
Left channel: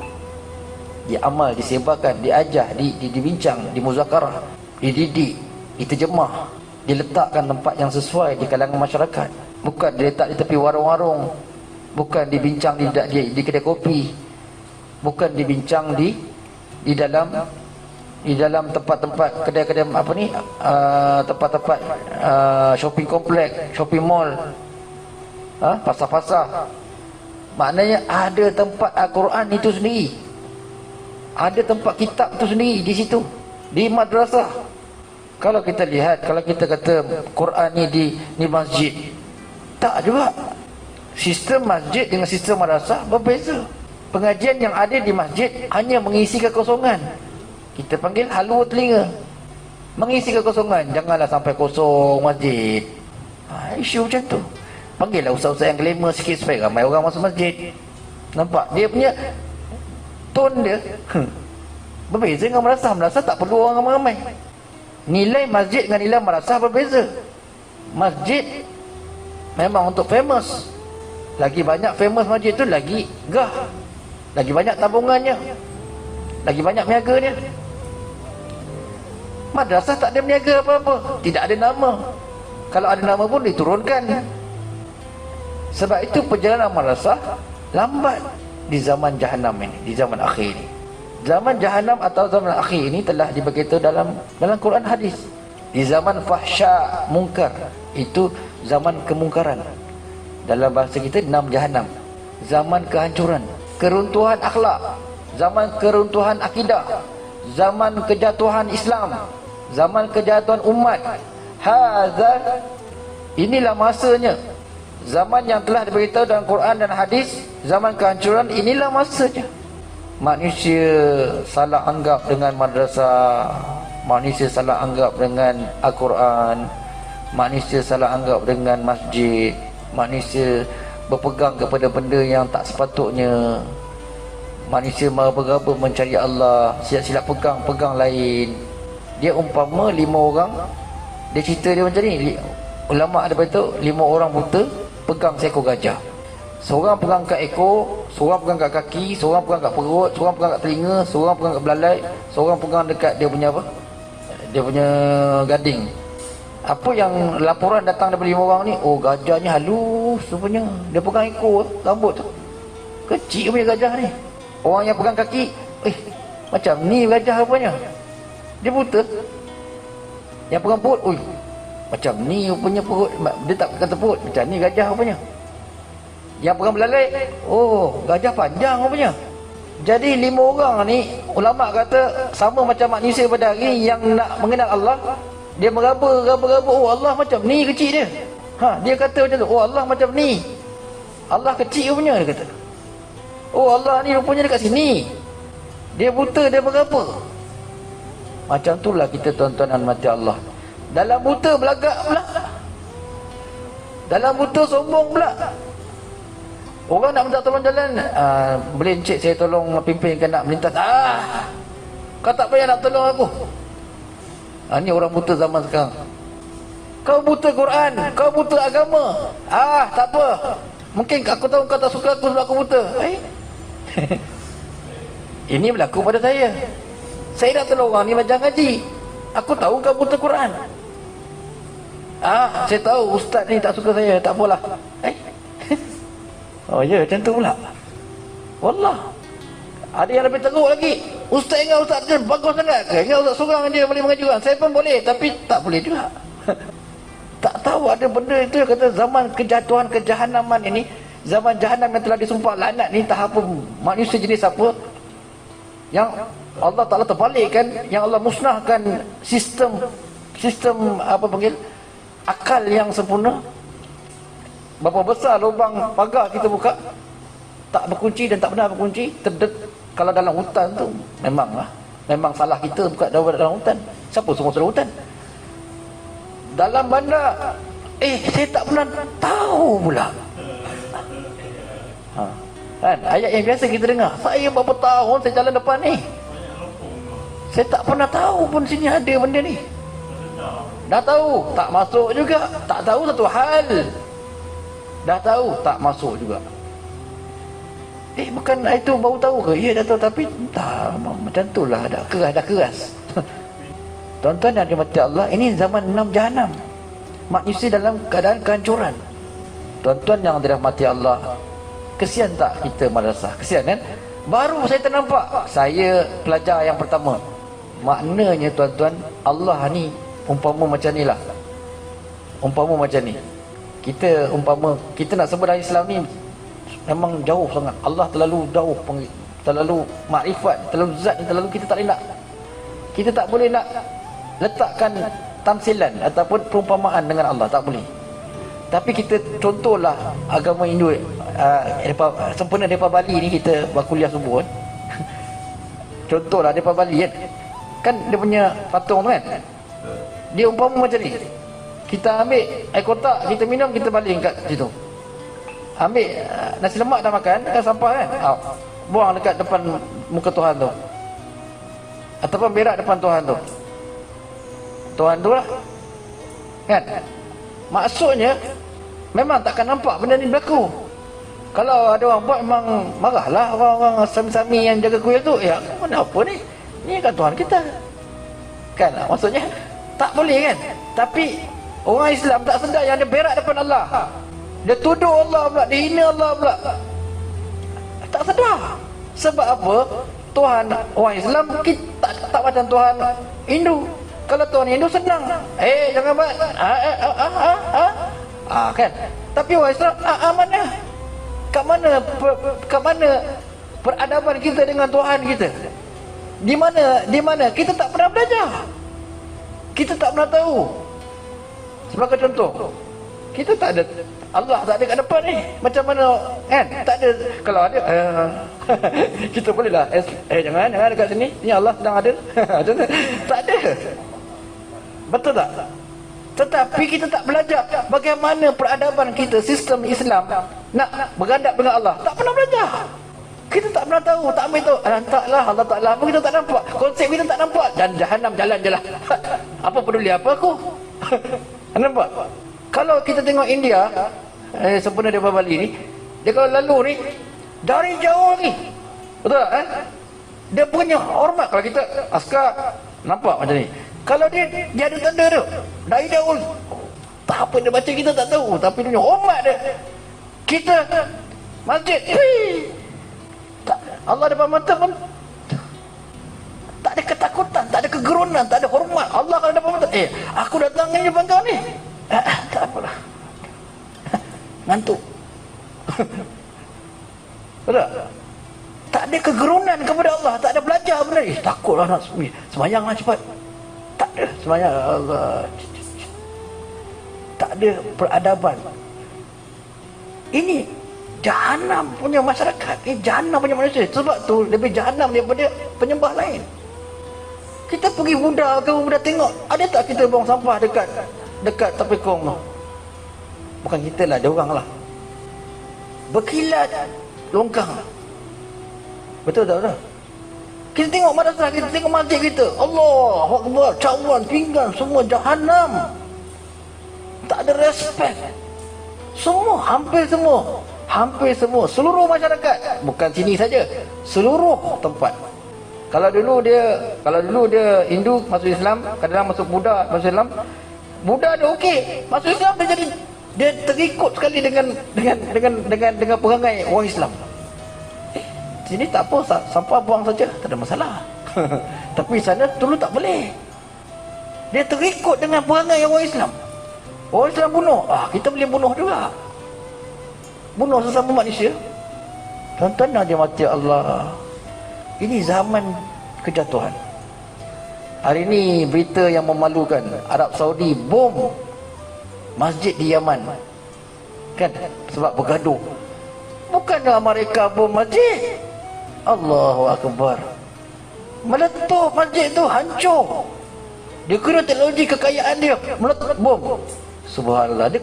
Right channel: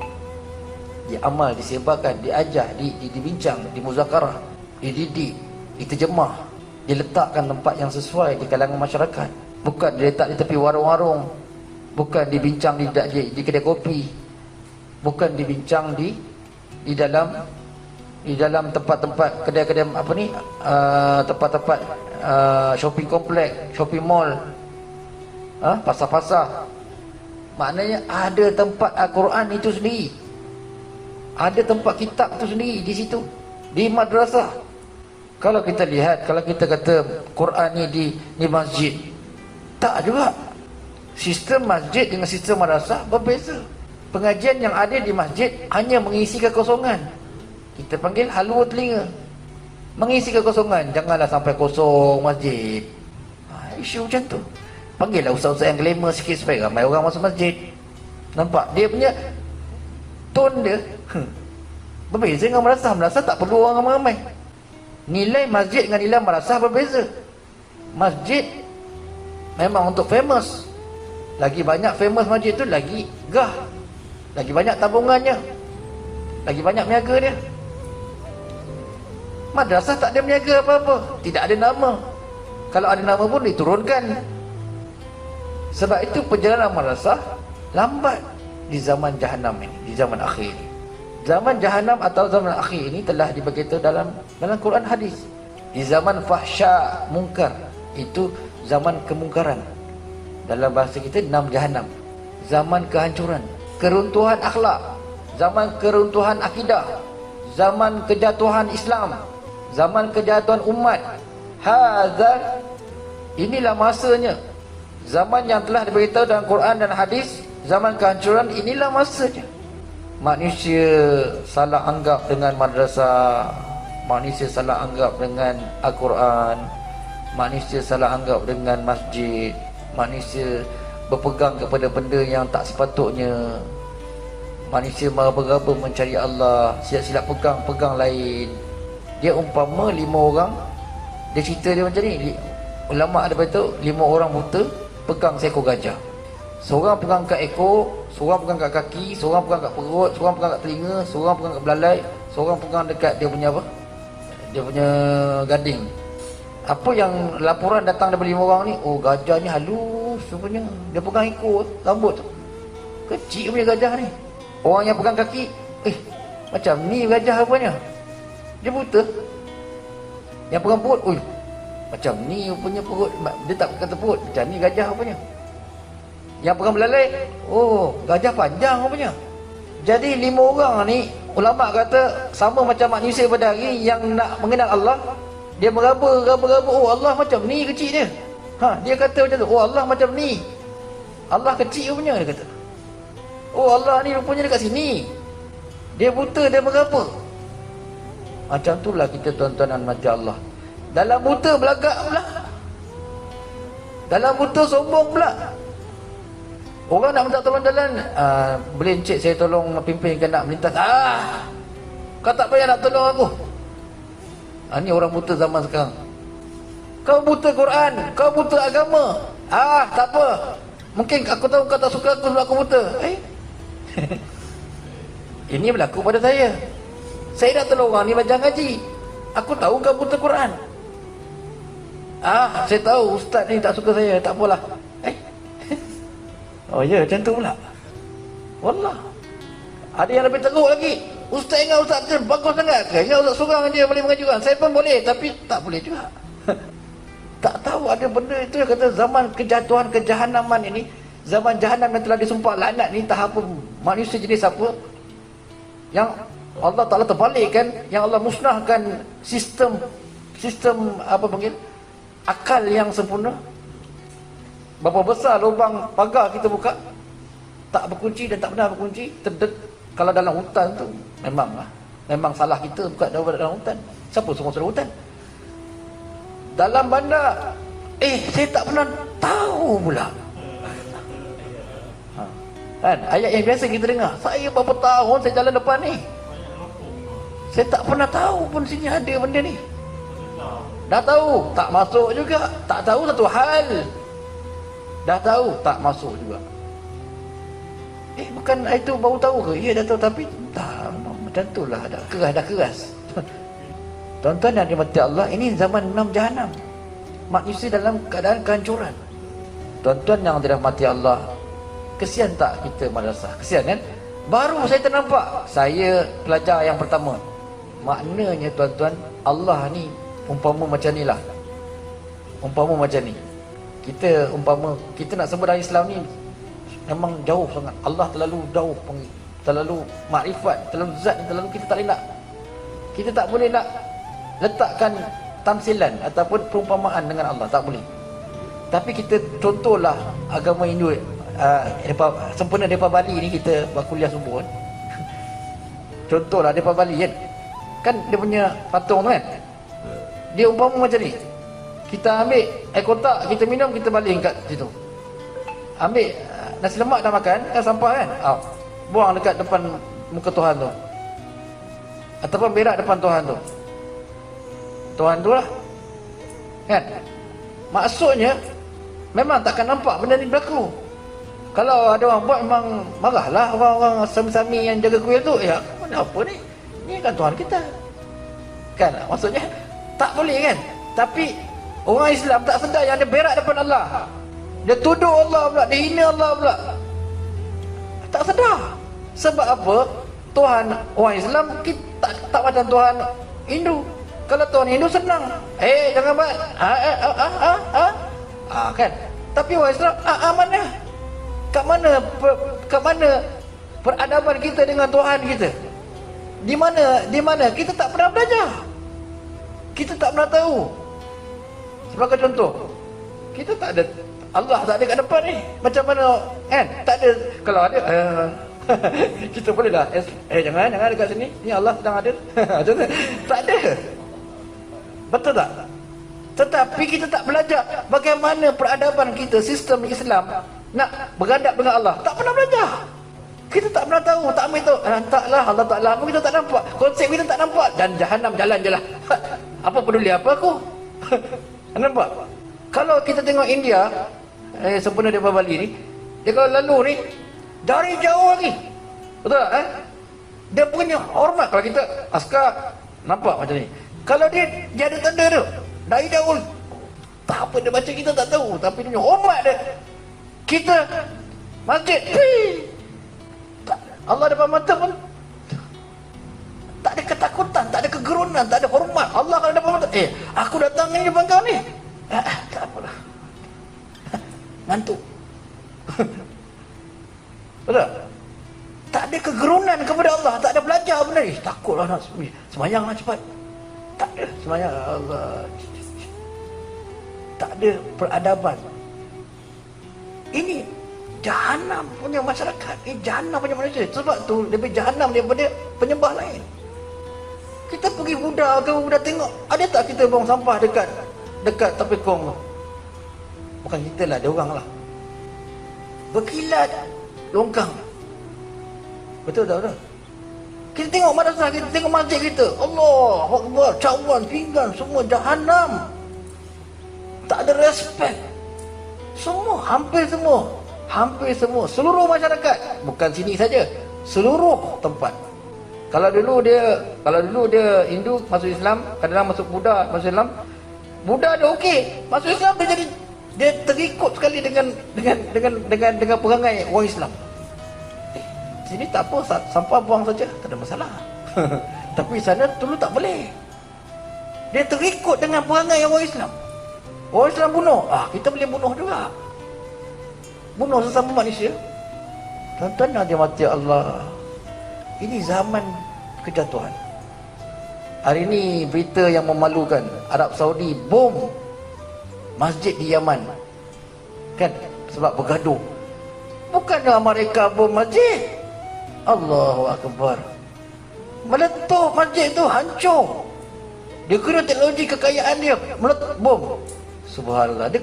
diamal, disebarkan, diajar, dibincang, dimuzakarah, dididik, diterjemah, diletakkan tempat yang sesuai di kalangan masyarakat. Bukan diletak di tepi warung-warung, bukan dibincang di kedai kopi, bukan dibincang di dalam tempat-tempat kedai-kedai tempat-tempat shopping komplek, shopping mall, pasar-pasar. Maknanya ada tempat Al-Quran itu sendiri, ada tempat kitab itu sendiri di situ, di madrasah. Kalau kita lihat, kalau kita kata Quran ni di masjid, tak juga. Sistem masjid dengan sistem madrasah berbeza. Pengajian yang ada di masjid hanya mengisi kekosongan. Kita panggil halua telinga, mengisi kekosongan. Janganlah sampai kosong masjid. Isu macam tu. Panggillah ustaz-ustaz yang glamour sikit supaya ramai orang masuk masjid. Nampak dia punya tone dia berbeza dengan madrasah. Madrasah tak perlu orang ramai-ramai. Nilai masjid dengan nilai madrasah berbeza. Masjid memang untuk famous. Lagi banyak famous masjid tu, lagi gah, lagi banyak tabungannya, lagi banyak niaga dia. Madrasah tak ada niaga apa-apa, tidak ada nama. Kalau ada nama pun diturunkan. Sebab itu perjalanan madrasah lambat di zaman Jahannam ini, di zaman akhir ini. Zaman Jahannam atau zaman akhir ini telah diberitahu dalam Quran hadis. Di zaman fahsya mungkar, itu zaman kemungkaran. Dalam bahasa kita, enam Jahannam. Zaman kehancuran, keruntuhan akhlak, zaman keruntuhan akidah, zaman kejatuhan Islam, zaman kejatuhan umat. Hazar, inilah masanya. Zaman yang telah diberitahu dalam Quran dan hadis, zaman kehancuran, inilah masanya. Manusia salah anggap dengan madrasah, manusia salah anggap dengan Al-Quran, manusia salah anggap dengan masjid, manusia berpegang kepada benda yang tak sepatutnya, manusia meraba-raba mencari Allah, silap-silap pegang lain. Dia umpama 5 orang, dia cerita dia macam ni. Ulama ada beritahu 5 orang buta pegang seekor gajah. Seorang pegang kat ekor, seorang pegang kat kaki, seorang pegang kat perut, seorang pegang kat telinga, seorang pegang kat belalai, seorang pegang dekat dia punya apa? Dia punya gading. Apa yang laporan datang daripada 5 orang ni? Oh, gajah ni halus rupanya. Dia pegang ekor, rambut tu kecil punya gajah ni. Orang yang pegang kaki, macam ni gajah rupanya. Dia buta. Yang pegang perut, macam ni rupanya perut. Dia tak kata perut, macam ni gajah rupanya. Yang pegang belalai, gajah panjang rupanya. Jadi 5 orang ni, ulama kata sama macam manusia pada hari yang nak mengenal Allah. Dia meraba, Allah macam ni kecil dia. Dia kata macam tu, Allah macam ni. Allah kecil rupanya, dia kata. Allah ni rupanya dekat sini. Dia buta, dia meraba. Macam itulah kita tuan-tuan dan mati Allah. Dalam buta belagak pula. Dalam buta sombong pula. Orang nak minta tolong jalan, boleh encik saya tolong pimpinkan nak melintas. Kau tak payah nak tolong aku. Ni orang buta zaman sekarang. Kau buta Quran, kau buta agama. Tak apa. Mungkin aku tahu kau tak suka aku sebab aku buta. Ini berlaku pada saya. Saya nak tolong orang ni belajar ngaji. Aku tahu kau buta Quran. Saya tahu ustaz ni tak suka saya, tak apalah. Macam tu pula. Wallah. Ada yang lebih teruk lagi. Ustaz ingat ustaz dia bagus sangat ke? Ingat ustaz seorang dia boleh mengaji orang. Saya pun boleh, tapi tak boleh juga. Tak tahu ada benda itu. Dia kata zaman kejatuhan kejahanaman ini, zaman jahanam yang telah disumpah laknat ni, tak apa manusia jenis apa yang Allah Ta'ala terbalikkan, yang Allah musnahkan sistem sistem apa panggil akal yang sempurna. Berapa besar lubang pagar kita buka, tak berkunci dan tak pernah berkunci, kalau dalam hutan tu memang salah kita buka dalam hutan. Siapa semua dalam hutan? Dalam bandar, saya tak pernah tahu pula. Kan ayat yang biasa kita dengar, saya berapa tahun saya jalan depan ni, saya tak pernah tahu pun sini ada benda ni. Dah tahu tak masuk juga, tak tahu satu hal, dah tahu tak masuk juga. Bukan itu baru tahu ke? Ya dah tahu, tapi dah macam tu lah, dah keras. Tuan-tuan yang dirahmati Allah, ini zaman 6 jahanam, manusia dalam keadaan kehancuran. Tuan-tuan yang dirahmati Allah, kesian tak kita madrasah? Kesian kan? Baru saya ternampak, saya pelajar yang pertama. Maknanya tuan-tuan, Allah ni umpama macam ni lah. Umpama macam ni, kita umpama kita nak sebut dalam Islam ni memang jauh sangat. Allah terlalu jauh, terlalu makrifat, terlalu zat, terlalu kita tak boleh nak. Kita tak boleh nak letakkan tamsilan ataupun perumpamaan dengan Allah, tak boleh. Tapi kita contohlah agama Hindu, sempena daripada Bali ni kita berkuliah semua kan. Contohlah daripada Bali kan dia punya patung kan, dia umpama macam ni. Kita ambil air kotak, kita minum, kita baling kat situ. Ambil nasi lemak dah makan, dah sampah kan, buang dekat depan muka Tuhan tu, ataupun berak depan Tuhan tu. Tuhan tu lah kan. Maksudnya memang takkan nampak benda ni berlaku. Kalau ada orang buat, memang marahlah orang-orang sami-sami yang jaga kuil tu. Mana apa ni, ni kan Tuhan kita kan. Maksudnya tak boleh kan. Tapi orang Islam tak sedar yang dia berak depan Allah, dia tuduh Allah pula, dia hina Allah pula, tak sedar. Sebab apa? Tuhan orang Islam kita tak macam Tuhan Hindu. Kalau Tuhan Hindu senang, jangan buat kan. Tapi orang Islam mana? Kat mana peradaban kita dengan Tuhan kita? Di mana kita tak pernah belajar, kita tak pernah tahu. Sebagai contoh, kita tak ada Allah, tak ada kat depan ni, macam mana kan? Tak ada. Kalau ada kita boleh lah jangan dekat sini, ni Allah sedang ada. Tak ada. Betul tak? Tetapi kita tak belajar bagaimana peradaban kita, sistem Islam nak beradab dengan Allah. Tak pernah belajar. Kita tak pernah tahu, tak ambil tahu. Taklah Allah Ta'ala, apa kita tak nampak, konsep kita tak nampak. Dan jahanam jalan je lah. Apa peduli apa aku? Nampak? Kalau kita tengok India, sempena daripada Bali ni, dia kalau lalu ni dari jauh lagi, betul tak kan? Dia punya hormat. Kalau kita askar nampak macam ni, kalau dia ada tanda tu dari jauh, tak apa dia baca kita tak tahu, tapi dia punya hormat dia. Kita masjid, Allah depan mata pun tak ada ketakutan, tak ada kegerunan, tak ada hormat. Allah kalau depan mata, aku datang ni depan kau ni, tak apalah, ngantuk. Betul? Tak ada kegerunan kepada Allah, tak ada belajar benda ni. Takutlah nak semayang lah cepat. Tak ada semayang, Allah. Tak ada peradaban. Ini jahanam punya masyarakat, jahanam punya manusia. Sebab tu lebih jahanam daripada penyembah lain. Kita pergi Buddha tu, Buddha tengok, ada tak kita buang sampah dekat tepi kong tu? Bukan kita lah, dia orang lah, berkilat longkang. Betul tak? Betul? Kita tengok madrasah, kita tengok masjid kita, Allah Akbar, cawan, pinggan, semua jahanam. Tak ada respect. Semua, hampir semua, seluruh masyarakat, bukan sini saja, seluruh tempat. Kalau dulu dia Hindu masuk Islam, kadang masuk Buddha masuk Islam. Buddha dia okey, masuk Islam dia terikut sekali dengan perangai orang Islam. Sini tak apa, sampah buang saja, tak ada masalah. Tapi sana dulu tak boleh. Dia terikut dengan perangai orang Islam. Orang Islam bunuh, kita boleh bunuh juga. Bunuh sesama manusia. Tuan-tuan yang dirahmati Allah, ini zaman kejatuhan. Hari ini berita yang memalukan, Arab Saudi bom masjid di Yaman. Kan? Sebab bergaduh. Bukannya mereka bom masjid. Allahu Akbar. Meletup masjid tu, hancur. Dia kira teknologi kekayaan dia, meletup bom. Subhanallah. Dia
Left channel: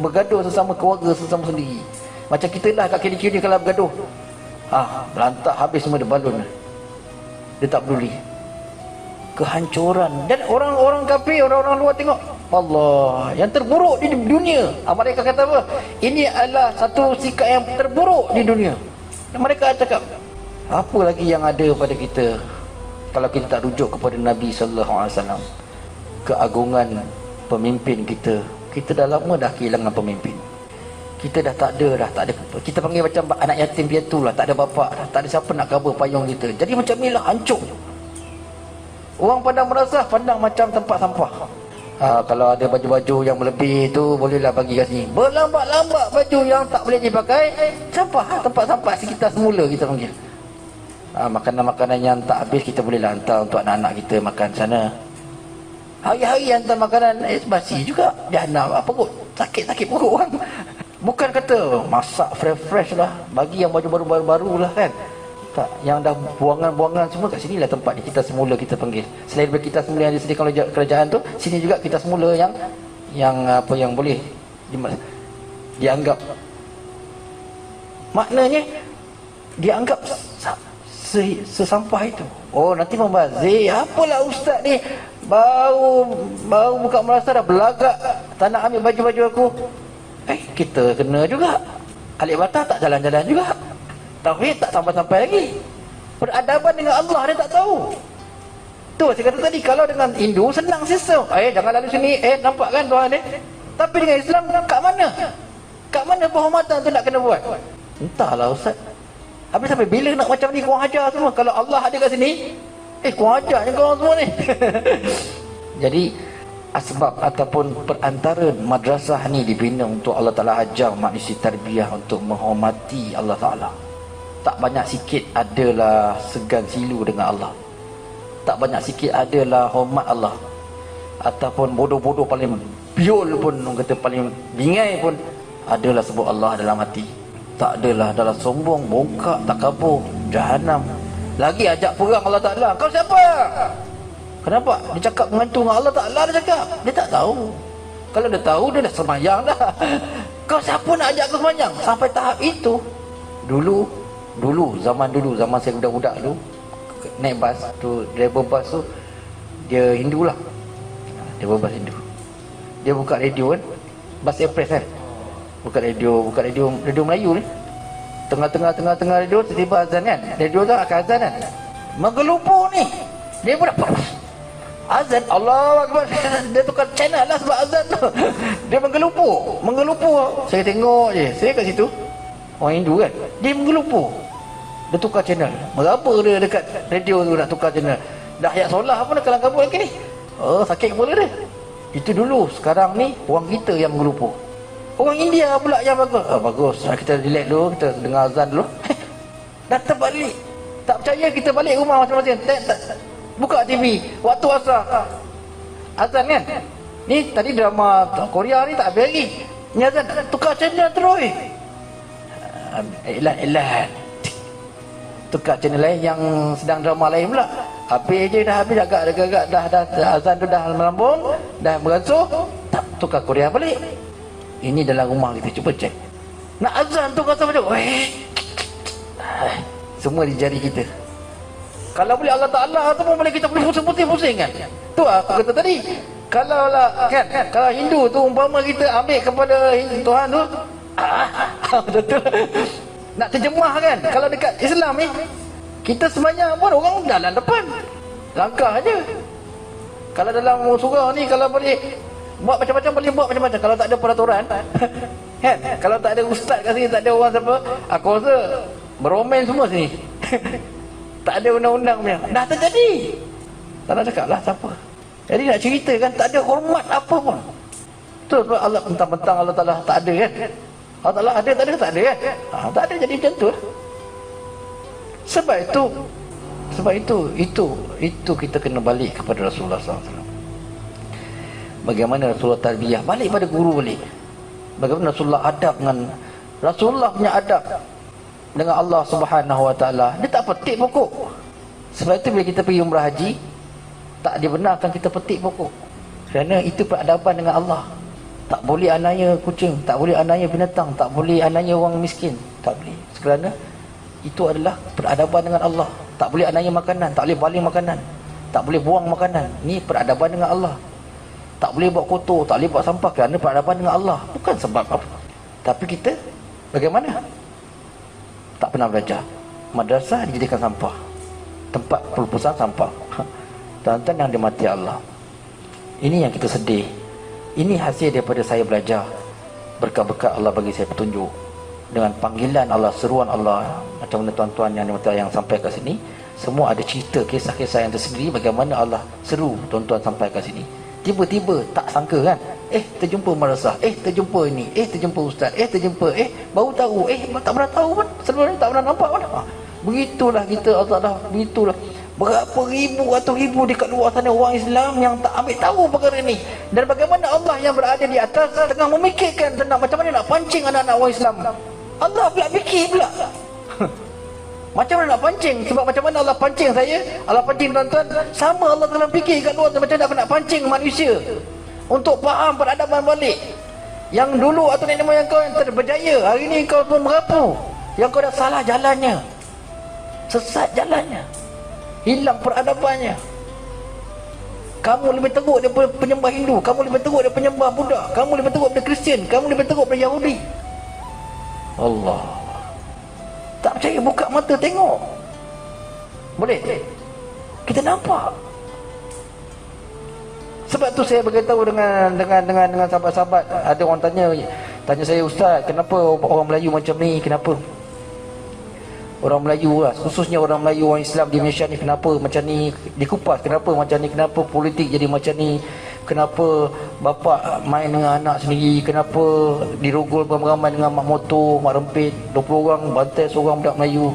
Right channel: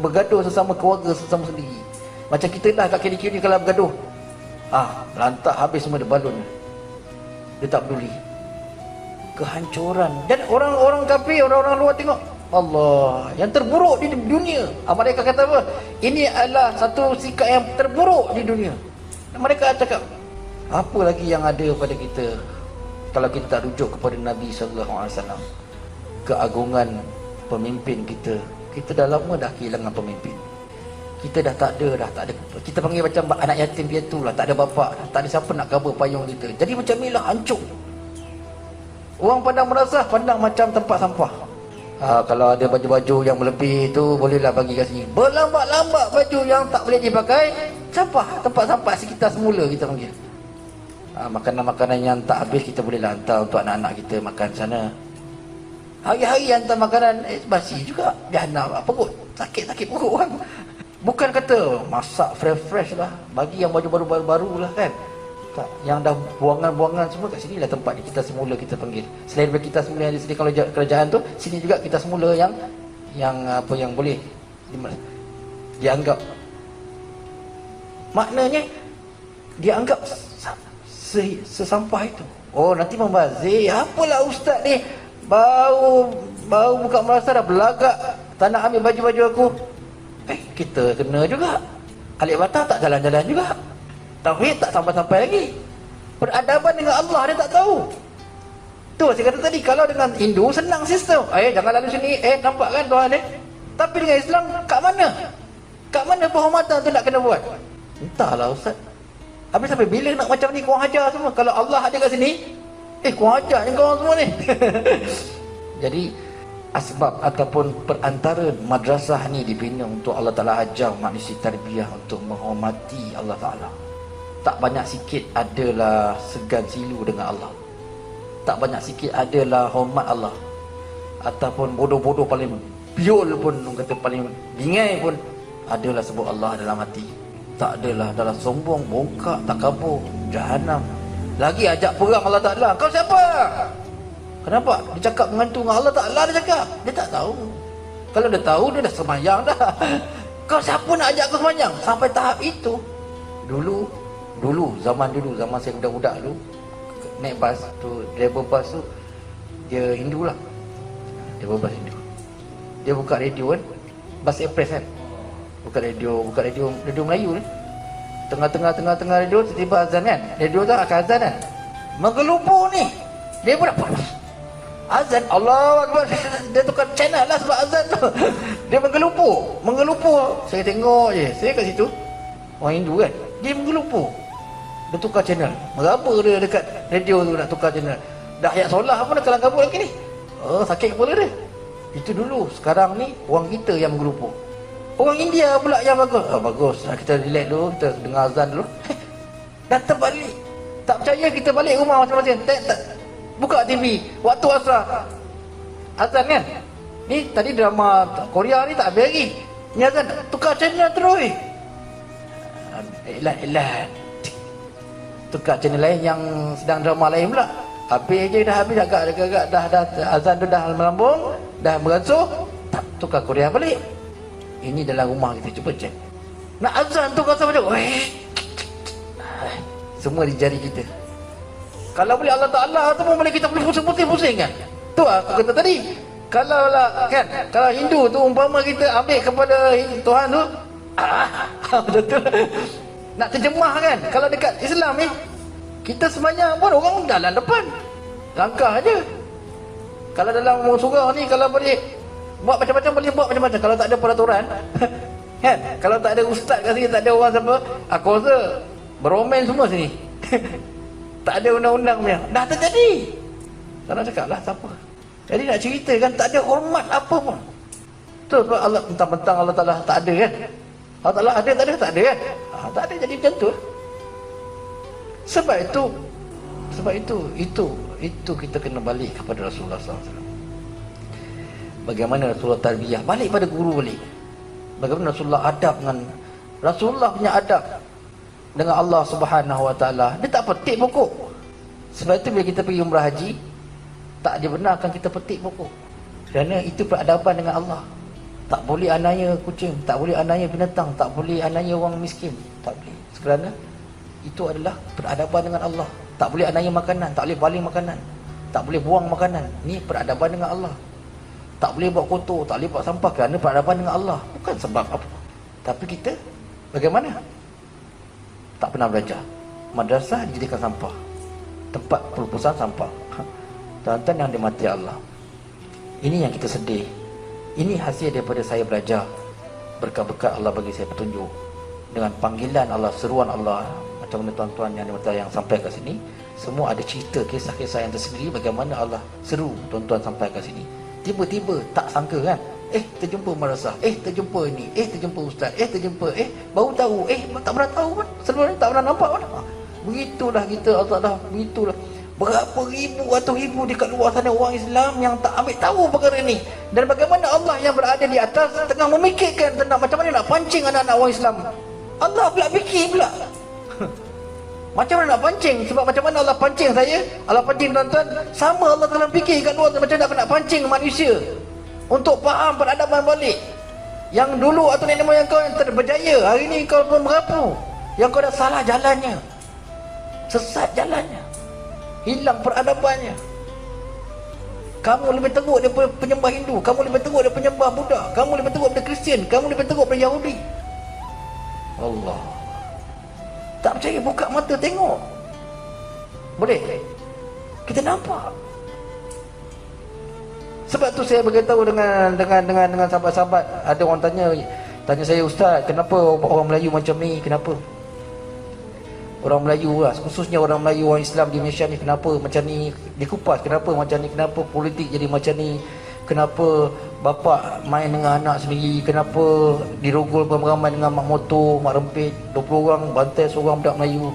bergaduh sesama keluarga, sesama sendiri. Macam kita dah kat kiri-kiri kalau bergaduh, berantak habis semua dia balon. Dia tak peduli. Kehancuran. Dan orang-orang kafir, orang-orang luar tengok, Allah, yang terburuk di dunia. Mereka kata apa? Ini adalah satu sikap yang terburuk di dunia. Dan mereka cakap, apa lagi yang ada pada kita kalau kita tak rujuk kepada Nabi SAW? Keagungan pemimpin kita. Kita dah lama dah kehilangan pemimpin. Kita dah tak ada. Kita panggil macam anak yatim piatu lah. Tak ada bapa, tak ada siapa nak cover payung kita. Jadi macam ni lah, hancur. Orang pandang merasah, pandang macam tempat sampah. Kalau ada baju-baju yang melebih tu, bolehlah bagi kat sini. Berlambat-lambat baju yang tak boleh dipakai, sampah. Tempat sampah sekitar semula kita panggil. Makanan-makanan yang tak habis kita boleh hantar untuk anak-anak kita makan sana. Hari-hari hantar makanan basi juga. Dia nak apa kot? Sakit-sakit perut orang. Bukan kata masak fresh-fresh lah, bagi yang baju baru-baru lah kan. Tak, yang dah buangan-buangan semua kat sini lah tempat kita semula kita panggil. Selain daripada kita semula yang disediakan oleh kerajaan tu, sini juga kita semula yang apa yang boleh dianggap. Maknanya dianggap sesampah itu. Oh, nanti membazir. Apalah ustaz ni baru buka merasa dah belagak, tak nak ambil baju-baju aku. Kita kena juga. Alik batah tak jalan-jalan juga. Tauhid tak sampai-sampai lagi. Peradaban dengan Allah dia tak tahu. Tu saya kata tadi, kalau dengan Hindu senang sistem. Jangan lalu sini. Nampak kan Tuhan ni? Tapi dengan Islam kat mana? Kat mana penghormatan tu nak kena buat? Entahlah ustaz. Habis sampai bila nak macam ni korang hajar semua? Kalau Allah ada kat sini, korang hajar ni korang semua ni. Jadi asbab ataupun perantara madrasah ni dibina untuk Allah Ta'ala ajar manusia tarbiyah untuk menghormati Allah Ta'ala. Tak banyak sikit adalah segan silu dengan Allah. Tak banyak sikit adalah hormat Allah. Ataupun bodoh-bodoh paling piul pun, orang kata paling bingai pun, adalah sebut Allah dalam hati. Tak adalah dalam sombong, bongkak, tak kabur, jahanam. Lagi ajak perang Allah Ta'ala. Kau siapa? Kenapa? Dia cakap mengantung Allah Ta'ala, dia cakap. Dia tak tahu. Kalau dia tahu, dia dah sembahyang dah. Kau siapa nak ajak kau sembahyang? Sampai tahap itu. Dulu, zaman saya budak-budak dulu, naik bas tu, driver bas tu, dia Hindu lah. Driver bas Hindu. Dia buka radio kan. Bas Express kan. Buka radio Melayu ni. Tengah radio, tiba-tiba azan kan. Radio tu akan azan kan. Menggelupur ni. Dia pun azan, Allahu Akbar. Dia tukar channel lah sebab azan tu. Dia menggelupur. Saya tengok je. Saya kat situ, orang Hindu kan, dia menggelupur. Dia tukar channel. Berapa dia dekat radio tu nak tukar channel? Dah ayat solah pun nak kalang-kabut lagi ni. Sakit kepala dia. Itu dulu. Sekarang ni orang kita yang menggelupur. Orang India pula yang bagus. Bagus. Kita relax dulu, kita dengar azan dulu. Dah terbalik. Tak percaya, kita balik rumah masing-masing. Buka TV waktu asar, azan kan. Ni tadi drama Korea ni tak habis lagi. Ni azan, tukar channel terus. Elah. Tukar channel lain yang sedang drama lain pula. Habis je dah habis agak-agak dah azan tu dah melambung, dah berasuh, tak tukar Korea balik. Ini dalam rumah kita, cuba cek. Nak azan tu rasa macam semua di jari kita. Kalau boleh Allah Ta'ala tu pun boleh kita pusing-pusing kan. Tu aku kata tadi. Kalau lah kan, kalau Hindu tu umpama kita ambil kepada Tuhan tu, betul. Nak terjemah kan. Kalau dekat Islam ni, kita sembahyang pun orang jalan depan. Langkah aja. Kalau dalam surau ni, kalau boleh buat macam-macam, boleh buat macam-macam. Kalau tak ada peraturan kan, kalau tak ada ustaz kat sini, tak ada orang siapa, aku rasa beromen semua sini. Tak ada undang-undang punya. Dah terjadi. Tak nak cakap lah siapa. Jadi nak cerita kan, tak ada hormat apa pun. Tu Allah, mentang-mentang Allah Ta'ala tak ada kan. Allah Ta'ala ada, tak ada kan. Tak ada, jadi macam tu. Sebab itu Sebab itu kita kena balik kepada Rasulullah SAW. Bagaimana Rasulullah tarbiyah, balik pada guru balik. Bagaimana Rasulullah adab dengan Rasulullah punya adab dengan Allah Subhanahu Wa Taala. Dia tak petik pokok. Sebab itu bila kita pergi umrah haji, tak dibenarkan kita petik pokok. Kerana itu peradaban dengan Allah. Tak boleh aniaya kucing, tak boleh aniaya binatang, tak boleh aniaya orang miskin, tak boleh. Kerana itu adalah peradaban dengan Allah. Tak boleh aniaya makanan, tak boleh baling makanan, tak boleh buang makanan. Ni peradaban dengan Allah. Tak boleh buat kotor, tak boleh buat sampah, kerana peradaban dengan Allah. Bukan sebab apa. Tapi kita bagaimana? Tak pernah belajar. Madrasah dijadikan sampah, tempat perpustakaan sampah. Tuan-tuan yang dimati Allah, ini yang kita sedih. Ini hasil daripada saya belajar. Berkat-berkat Allah bagi saya petunjuk, dengan panggilan Allah, seruan Allah. Macam mana tuan-tuan yang dimati yang sampai kat sini, semua ada cerita, kisah-kisah yang tersendiri bagaimana Allah seru tuan-tuan sampai kat sini. Tiba-tiba tak sangka kan, terjumpa madrasah, terjumpa ini, terjumpa ustaz, terjumpa, baru tahu, tak pernah tahu pun, sebelum ni tak pernah nampak pun. Begitulah kita, Allah, begitulah. Berapa ribu atau ribu dekat luar sana orang Islam yang tak ambil tahu perkara ini. Dan bagaimana Allah yang berada di atas tengah memikirkan tentang macam mana nak pancing anak-anak orang Islam. Allah pula fikir pula macam mana nak pancing. Sebab macam mana Allah pancing saya, Allah pancing tuan-tuan, sama Allah dalam fikir kat luar macam mana nak pancing manusia untuk faham peradaban balik. Yang dulu atau nenek moyang kau yang berjaya, hari ni kau pun merapu, yang kau dah salah jalannya, sesat jalannya, hilang peradabannya. Kamu lebih teruk daripada penyembah Hindu, kamu lebih teruk daripada penyembah Buddha, kamu lebih teruk daripada Kristian, kamu lebih teruk daripada Yahudi. Allah, tak percaya buka mata tengok. Boleh? Kita nampak. Sebab tu saya beritahu dengan sahabat-sahabat. Ada orang tanya saya, ustaz, kenapa orang Melayu macam ni? Kenapa? Orang Melayu lah, khususnya orang Melayu, orang Islam di Malaysia ni, kenapa macam ni? Dikupas, kenapa macam ni? Kenapa politik jadi macam ni? Kenapa bapa main dengan anak sendiri? Kenapa dirogol beramai dengan mak motor, mak rempit, 20 orang bantai seorang budak Melayu?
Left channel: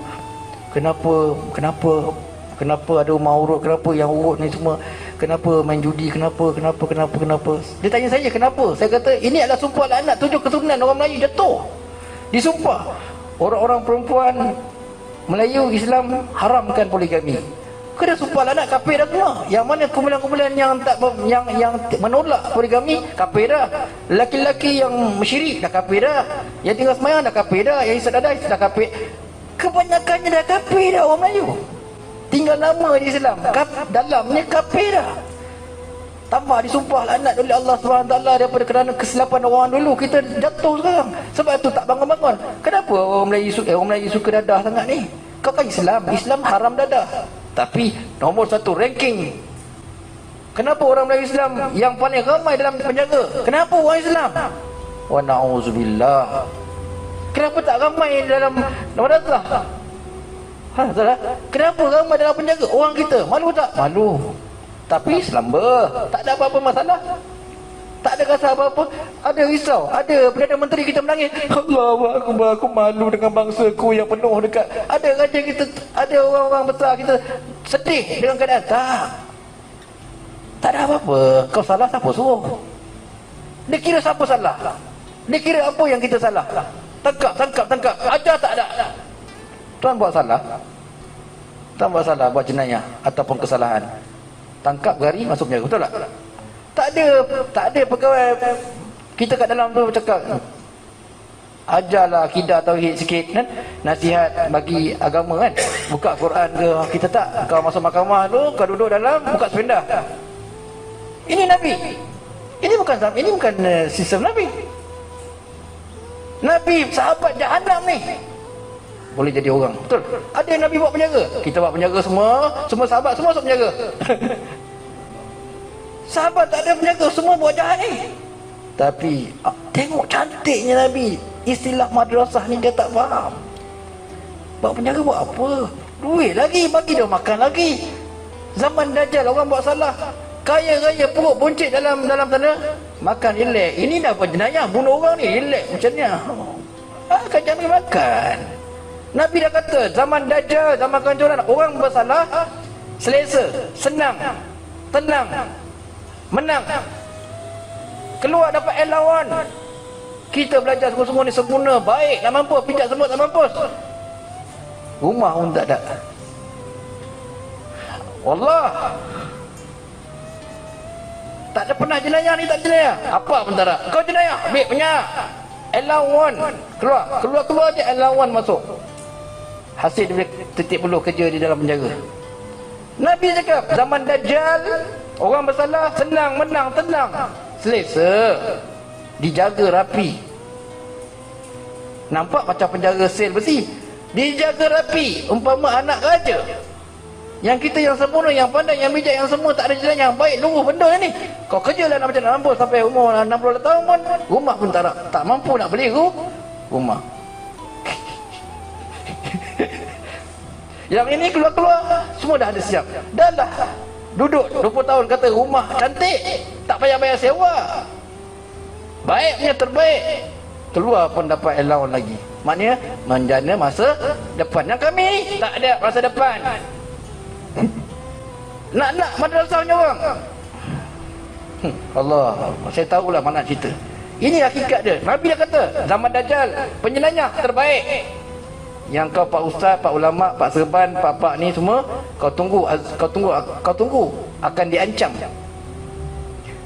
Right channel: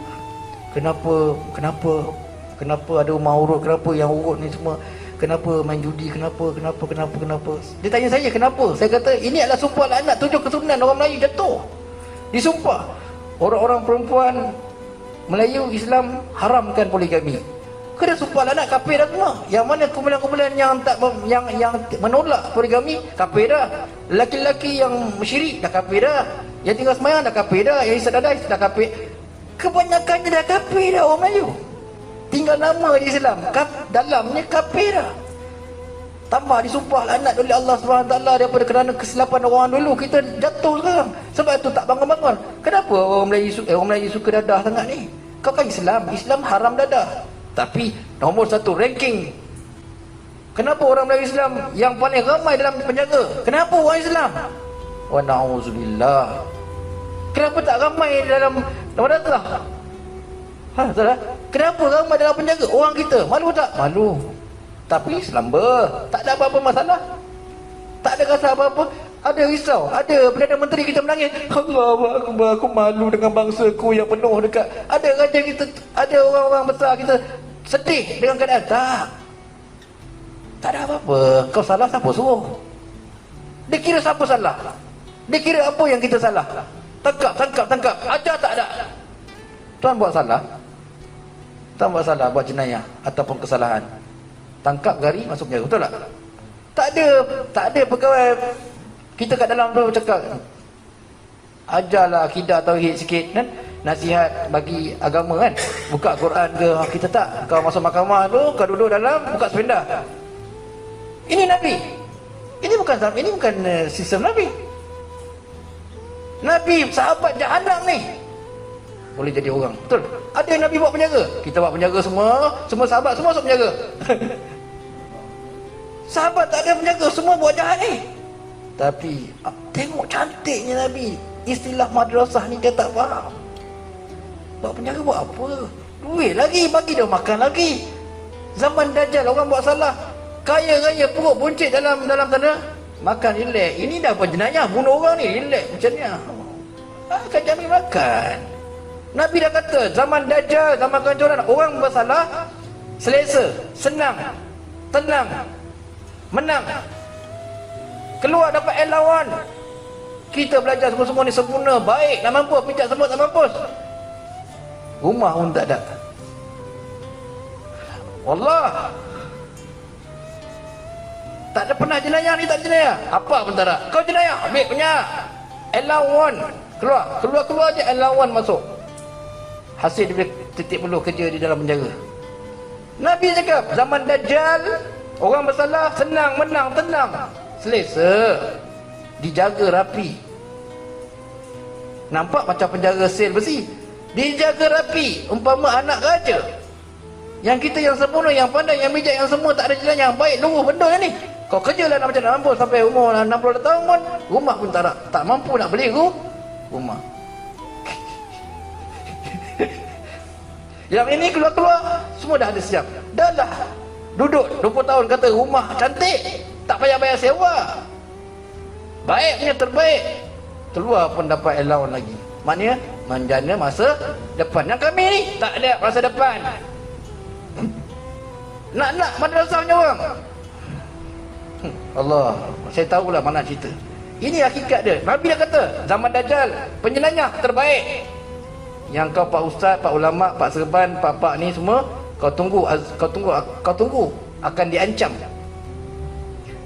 Kenapa ada rumah urut? Kenapa yang urut ni semua? Kenapa main judi? Kenapa? Dia tanya saya kenapa? Saya kata ini adalah sumpah laknat 7 keturunan orang Melayu jatuh. Disumpah orang-orang perempuan Melayu Islam haramkan poligami. Kena sumpah laknat, kafir dah semua. Yang mana kumpulan-kumpulan yang menolak poligami, kafir dah. Lelaki-lelaki yang syirik dah kafir dah. Yang tinggal semayang dah kafir dah. Yang isap dadai dah kafir. Kebanyakannya dah kafir dah orang Melayu. Tinggal nama je Islam, dalamnya kafir dah. Tambah disumpah laknat oleh Allah SWT daripada kerana kesilapan orang dulu, kita jatuh sekarang. Sebab tu tak bangun-bangun. Kenapa orang Melayu suka dadah sangat ni? Kau kan Islam haram dadah. Tapi nombor 1 ranking. Kenapa orang Melayu Islam yang paling ramai dalam penjara? Kenapa orang Islam? Wa na'udzubillah. Kenapa tak ramai dalam madrasah? Salah. Kenapa ramai dalam penjara? Orang kita malu tak? Malu. Tapi selamba, tak ada apa-apa masalah. Tak ada rasa apa-apa. Ada risau, ada Perdana Menteri kita menangis, Allahu Akbar, aku malu dengan bangsaku yang penuh dekat. Ada raja kita, ada orang-orang besar kita sedih dengan keadaan. Tak ada apa-apa. Kau salah, siapa suruh? Dia kira siapa salah? Dia kira apa yang kita salah? Tangkap. Ada tak ada? Tuan buat salah, tuan buat salah, buat jenayah ataupun kesalahan, tangkap gari, masuk penjara, betul tak? Tak ada pegawai kita kat dalam tu cakap ajarlah akidah tauhid sikit kan, nasihat bagi agama kan, buka Quran ke. Kita tak, kau masuk mahkamah tu, kau duduk dalam, buka sependa. Ini Nabi. Ini bukan sistem Nabi. Nabi sahabat jahanam ni boleh jadi orang, betul? Ada yang Nabi buat penjara, kita buat penjara semua sahabat semua masuk penjara. Sahabat tak ada penjara, semua buat jahat ni. Tapi tengok cantiknya Nabi. Istilah madrasah ni dia tak faham. Buat penjara buat apa? Duit lagi, bagi dia makan lagi. Zaman Dajjal orang buat salah, kaya raya perut buncit dalam sana, makan relax. Ini dah apa jenayah, bunuh orang ni relax macam ni. Kerja ni makan. Nabi dah kata zaman Dajjal, zaman kehancuran, orang bersalah selesa, senang, tenang, menang, keluar dapat lawan. Kita belajar semua ni sempurna, baik, tak mampu, pijak semua tak mampus. Rumah pun tak ada. Wallah, tak ada pernah jenayah ni, tak jenayah. Apa pun tak ada. Kau jenayah, ambil punya lawan. Keluar je lawan masuk. Hasil dia titik peluh kerja di dalam penjara. Nabi cakap zaman Dajjal, orang bersalah senang, menang, tenang, selesa, dijaga rapi. Nampak macam penjara sel besi, dijaga rapi, umpama anak raja. Yang kita yang sempurna, yang pandai, yang bijak, yang semua tak ada jenayah, baik luruh benda ni. Kau kerja lah macam nak mampu sampai umur 60 tahun pun, rumah pun tak mampu nak beli rumah. Yang ini keluar semua dah ada siap. Dah lah duduk 20 tahun kata rumah cantik, tak payah bayar sewa, baiknya terbaik. Keluar pun dapat allowance lagi. Maknanya menjana masa depan. Yang kami ni tak ada masa depan. Nak madrasahnya orang. Allah, saya tahulah mana cerita. Ini hakikat dia. Nabi dah kata zaman Dajjal penyelayah terbaik. Yang kau pak ustaz, pak ulama, pak serban, pak ni semua, kau tunggu akan diancam.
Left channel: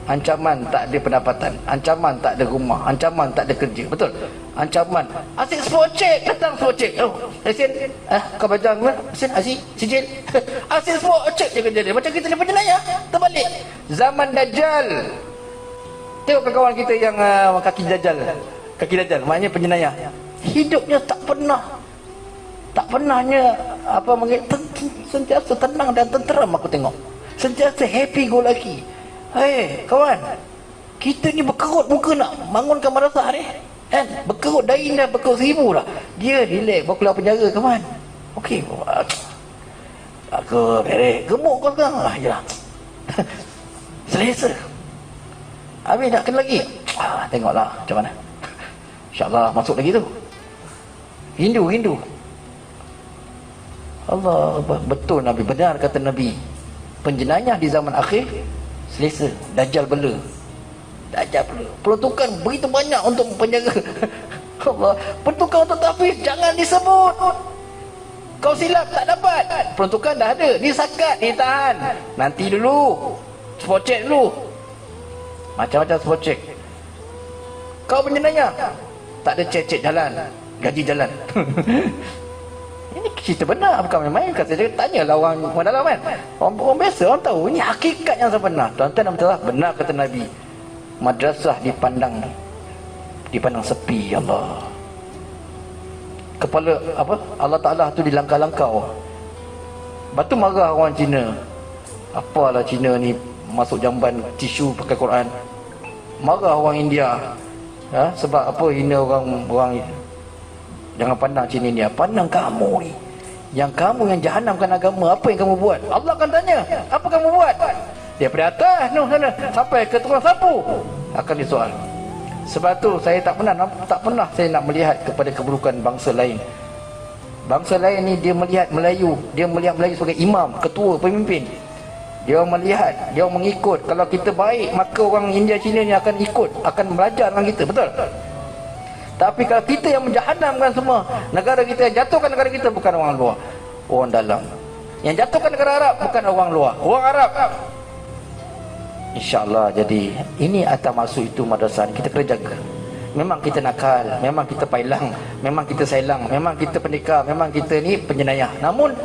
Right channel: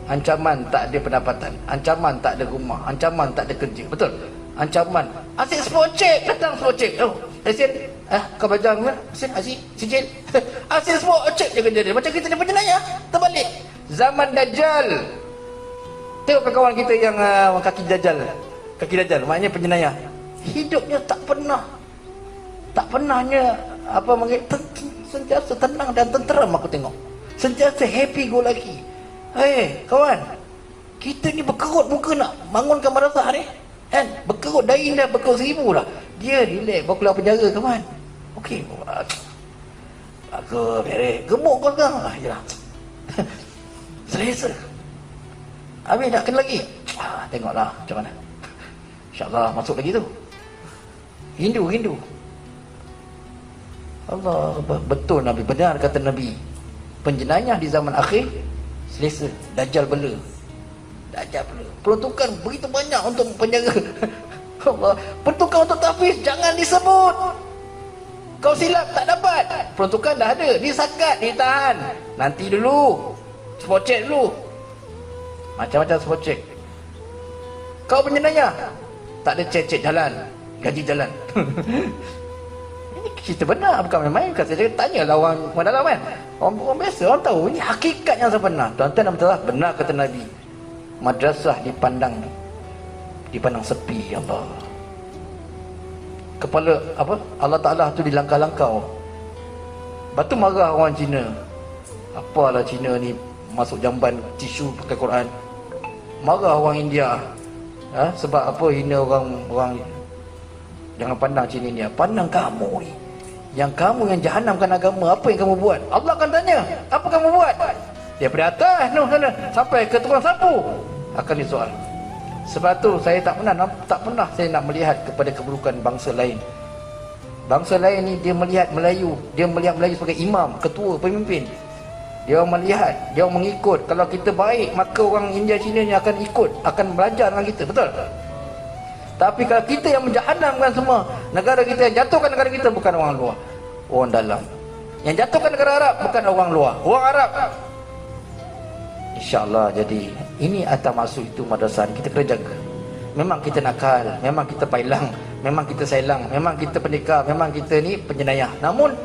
Ancaman tak ada pendapatan, ancaman tak ada rumah, ancaman tak ada kerja. Betul? Ancaman. Asyik spot check, datang spot check. Oh, lesen. Kau baca apa? Lesen, asyik, sijil. Asyik spot check je kerja dia. Macam kita ni penyelayah, terbalik. Zaman Dajjal. Tengok kawan kita yang kaki dajjal, maknanya penyelayah. Hidupnya tak pernahnya sentiasa tenang dan tenteram. Aku tengok sentiasa happy go lucky. Kawan, kita ni berkerut muka nak bangunkan madrasah ni kan, berkerut dain dah, berkerut 1000 dah. Dia relax bawa keluar penjara kawan. Okey, aku beres gemuk kau sekarang ya. Selesa. Habis nak kena lagi. Tengoklah macam mana. InsyaAllah masuk lagi tu. Hindu. Allah, betul Nabi, benar kata Nabi. Penjenayah di zaman akhir selesa. Dajjal bela. Peruntukan begitu banyak untuk penjaga. Allah, peruntukan untuk tahfiz jangan disebut. Kau silap tak dapat. Peruntukan dah ada, disakat, ditahan. Nanti dulu. Spot check dulu. Macam-macam spot check. Kau penjenayah, tak ada cek jalan, gaji jalan. Ini cerita benar, bukan main-main. Saya tanyalah orang dalam kan. Orang biasa, orang tahu. Ini hakikat yang sebenar. Tuan-tuan dan puan-puan, benar kata Nabi. Madrasah dipandang sepi. Allah. Kepala Allah Ta'ala tu dilangkah-langkau. Batu marah orang Cina. Apalah Cina ni masuk jamban tisu pakai Quran. Marah orang India. Sebab apa hina orang. Jangan pandang Cina ni. Pandang kamu ni. Yang kamu yang jahanamkan agama. Apa yang kamu buat? Allah akan tanya. Apa kamu buat? Daripada atas sana sampai ke tukang sapu akan disoal. Sebab tu saya tak pernah saya nak melihat kepada keburukan bangsa lain. Bangsa lain ni dia melihat Melayu sebagai imam, ketua, pemimpin. Dia melihat, dia mengikut. Kalau kita baik, maka orang India Cina ni akan ikut, akan belajar dengan kita. Betul? Tapi kalau kita yang menjahannamkan semua, negara kita yang jatuhkan negara kita bukan orang luar, orang dalam. Yang jatuhkan negara Arab bukan orang luar, orang Arab. InsyaAllah. Jadi ini atas masuk itu madrasah kita kena jaga. Memang kita nakal, memang kita pailang, memang kita sailang, memang kita pendekar, memang kita ni penjenayah. Namun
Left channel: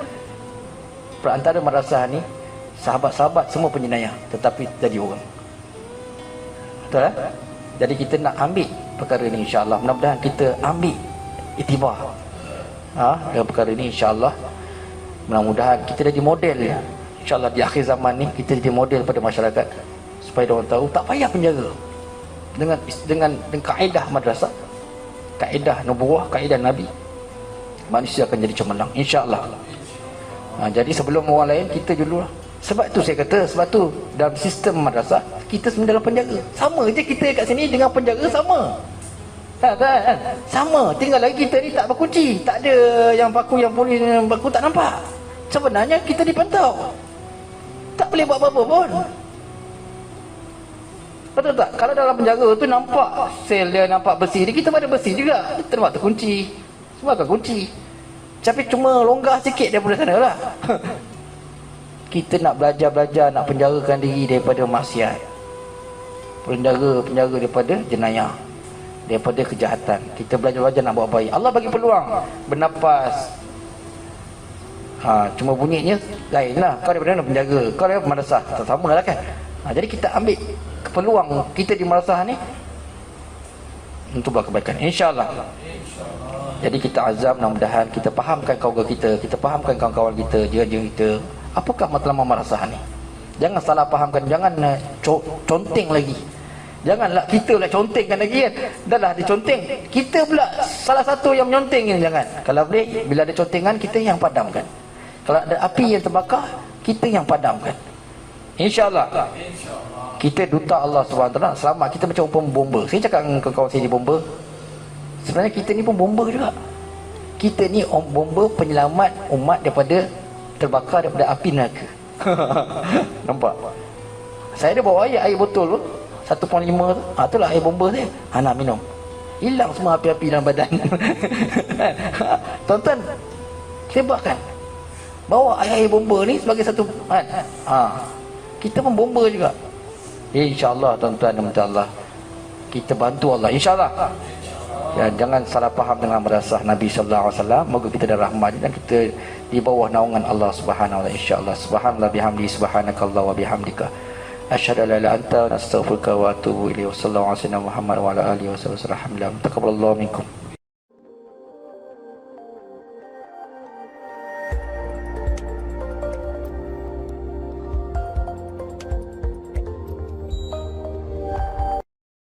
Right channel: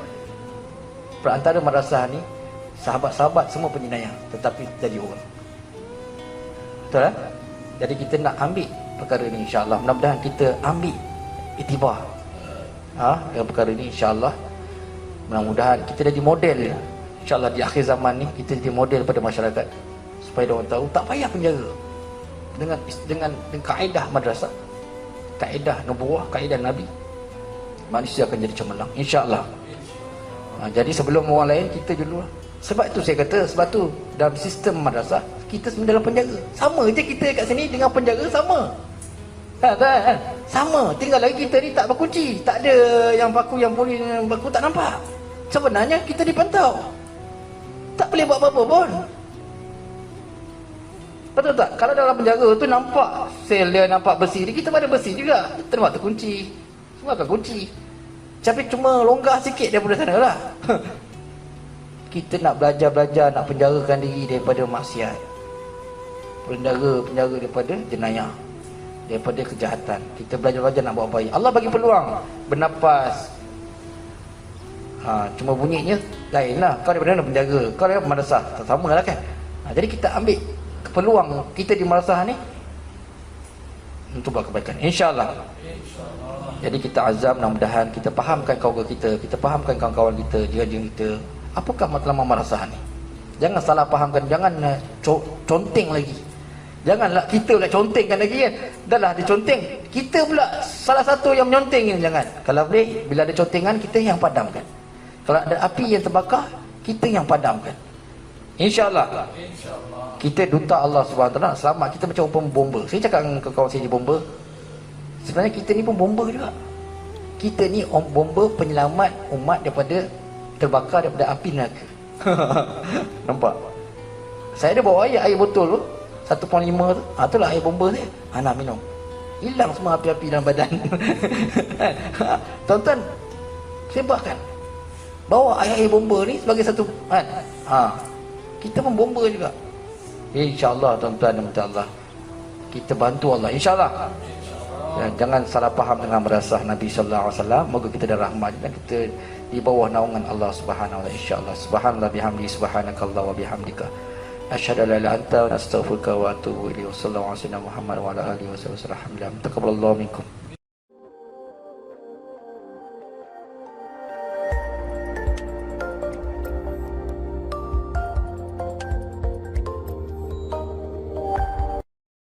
perantara madrasah ni sahabat-sahabat semua penjenayah, tetapi jadi orang. Betul lah? Jadi kita nak ambil perkara ni insyaAllah. Mudah-mudahan kita ambil iktibar dalam perkara ni insyaAllah. Mudah-mudahan kita jadi model ya. InsyaAllah di akhir zaman ni kita jadi model pada masyarakat, supaya orang tahu tak payah penjara. Dengan kaedah madrasah, kaedah nubuwah, kaedah Nabi, manusia akan jadi cemerlang insya-Allah. Jadi sebelum orang lain, kita dulu lah. Sebab tu saya kata, sebab tu dalam sistem madrasah kita sebenarnya dalam penjara. Sama je kita kat sini dengan penjara sama. Kan? Sama, tinggal lagi kita ni tak berkunci. Tak ada yang paku, yang polis, yang paku tak nampak. Sebenarnya kita dipantau. Tak boleh buat apa-apa pun. Betul tak? Kalau dalam penjara tu nampak sel dia, nampak bersih dia, kita pada bersih juga. Kita nampak terkunci. Semua terkunci. Tapi cuma longgar sikit daripada sana lah. Kita nak belajar-belajar, nak penjarakan diri daripada maksiat. Penjara daripada jenayah, daripada kejahatan. Kita belajar-belajar nak buat baik. Allah bagi peluang bernafas. Cuma bunyinya lain lah. Kau daripada mana penjaga, kau daripada madrasah, sama lah kan. Jadi kita ambil peluang kita di madrasah ni untuk buat kebaikan, insyaAllah. Jadi kita azam, mudah-mudahan kita fahamkan kawan-kawan kita fahamkan kawan-kawan kita, dia kita, apakah matlamat madrasah ni. Jangan salah fahamkan, jangan conteng lagi. Janganlah kita lah contengkan lagi kan. Dah lah diconteng, kita pula salah satu yang menyonteng ni. Jangan. Kalau boleh, bila ada contengan, kita yang padamkan. Kalau ada api yang terbakar, kita yang padamkan, InsyaAllah. Kita duta Allah SWT. Selamat. Kita macam bomba. Saya cakap dengan kawan saya di bomba, sebenarnya kita ni pun bomba juga. Kita ni bomba penyelamat umat daripada terbakar daripada api neraka. Nampak? Saya ada bawa air botol tu 1.5 tu. Itulah air bomba saya. Nak minum. Hilang semua api-api dalam badan. Tuan-tuan, sebabkan bawa air bomba ni sebagai satu kita pun bomba juga. InsyaAllah tuan-tuan dan Allah, kita bantu Allah, InsyaAllah. Jangan salah faham dengan madrasah Nabi sallallahu alaihi wasallam. Moga kita ada rahmat dan kita di bawah naungan Allah Subhanahu wa taala, insyaallah. Subhanallah bihamdi, subhanakallah wa bihamdika, asyhadu an la ilaha illa anta, astaghfiruka wa atubu ilaik. Wassallallahu alaihi wasallam Muhammad wa ala alihi wasallam. Alhamdulillah. Taqabbalallahu minkum.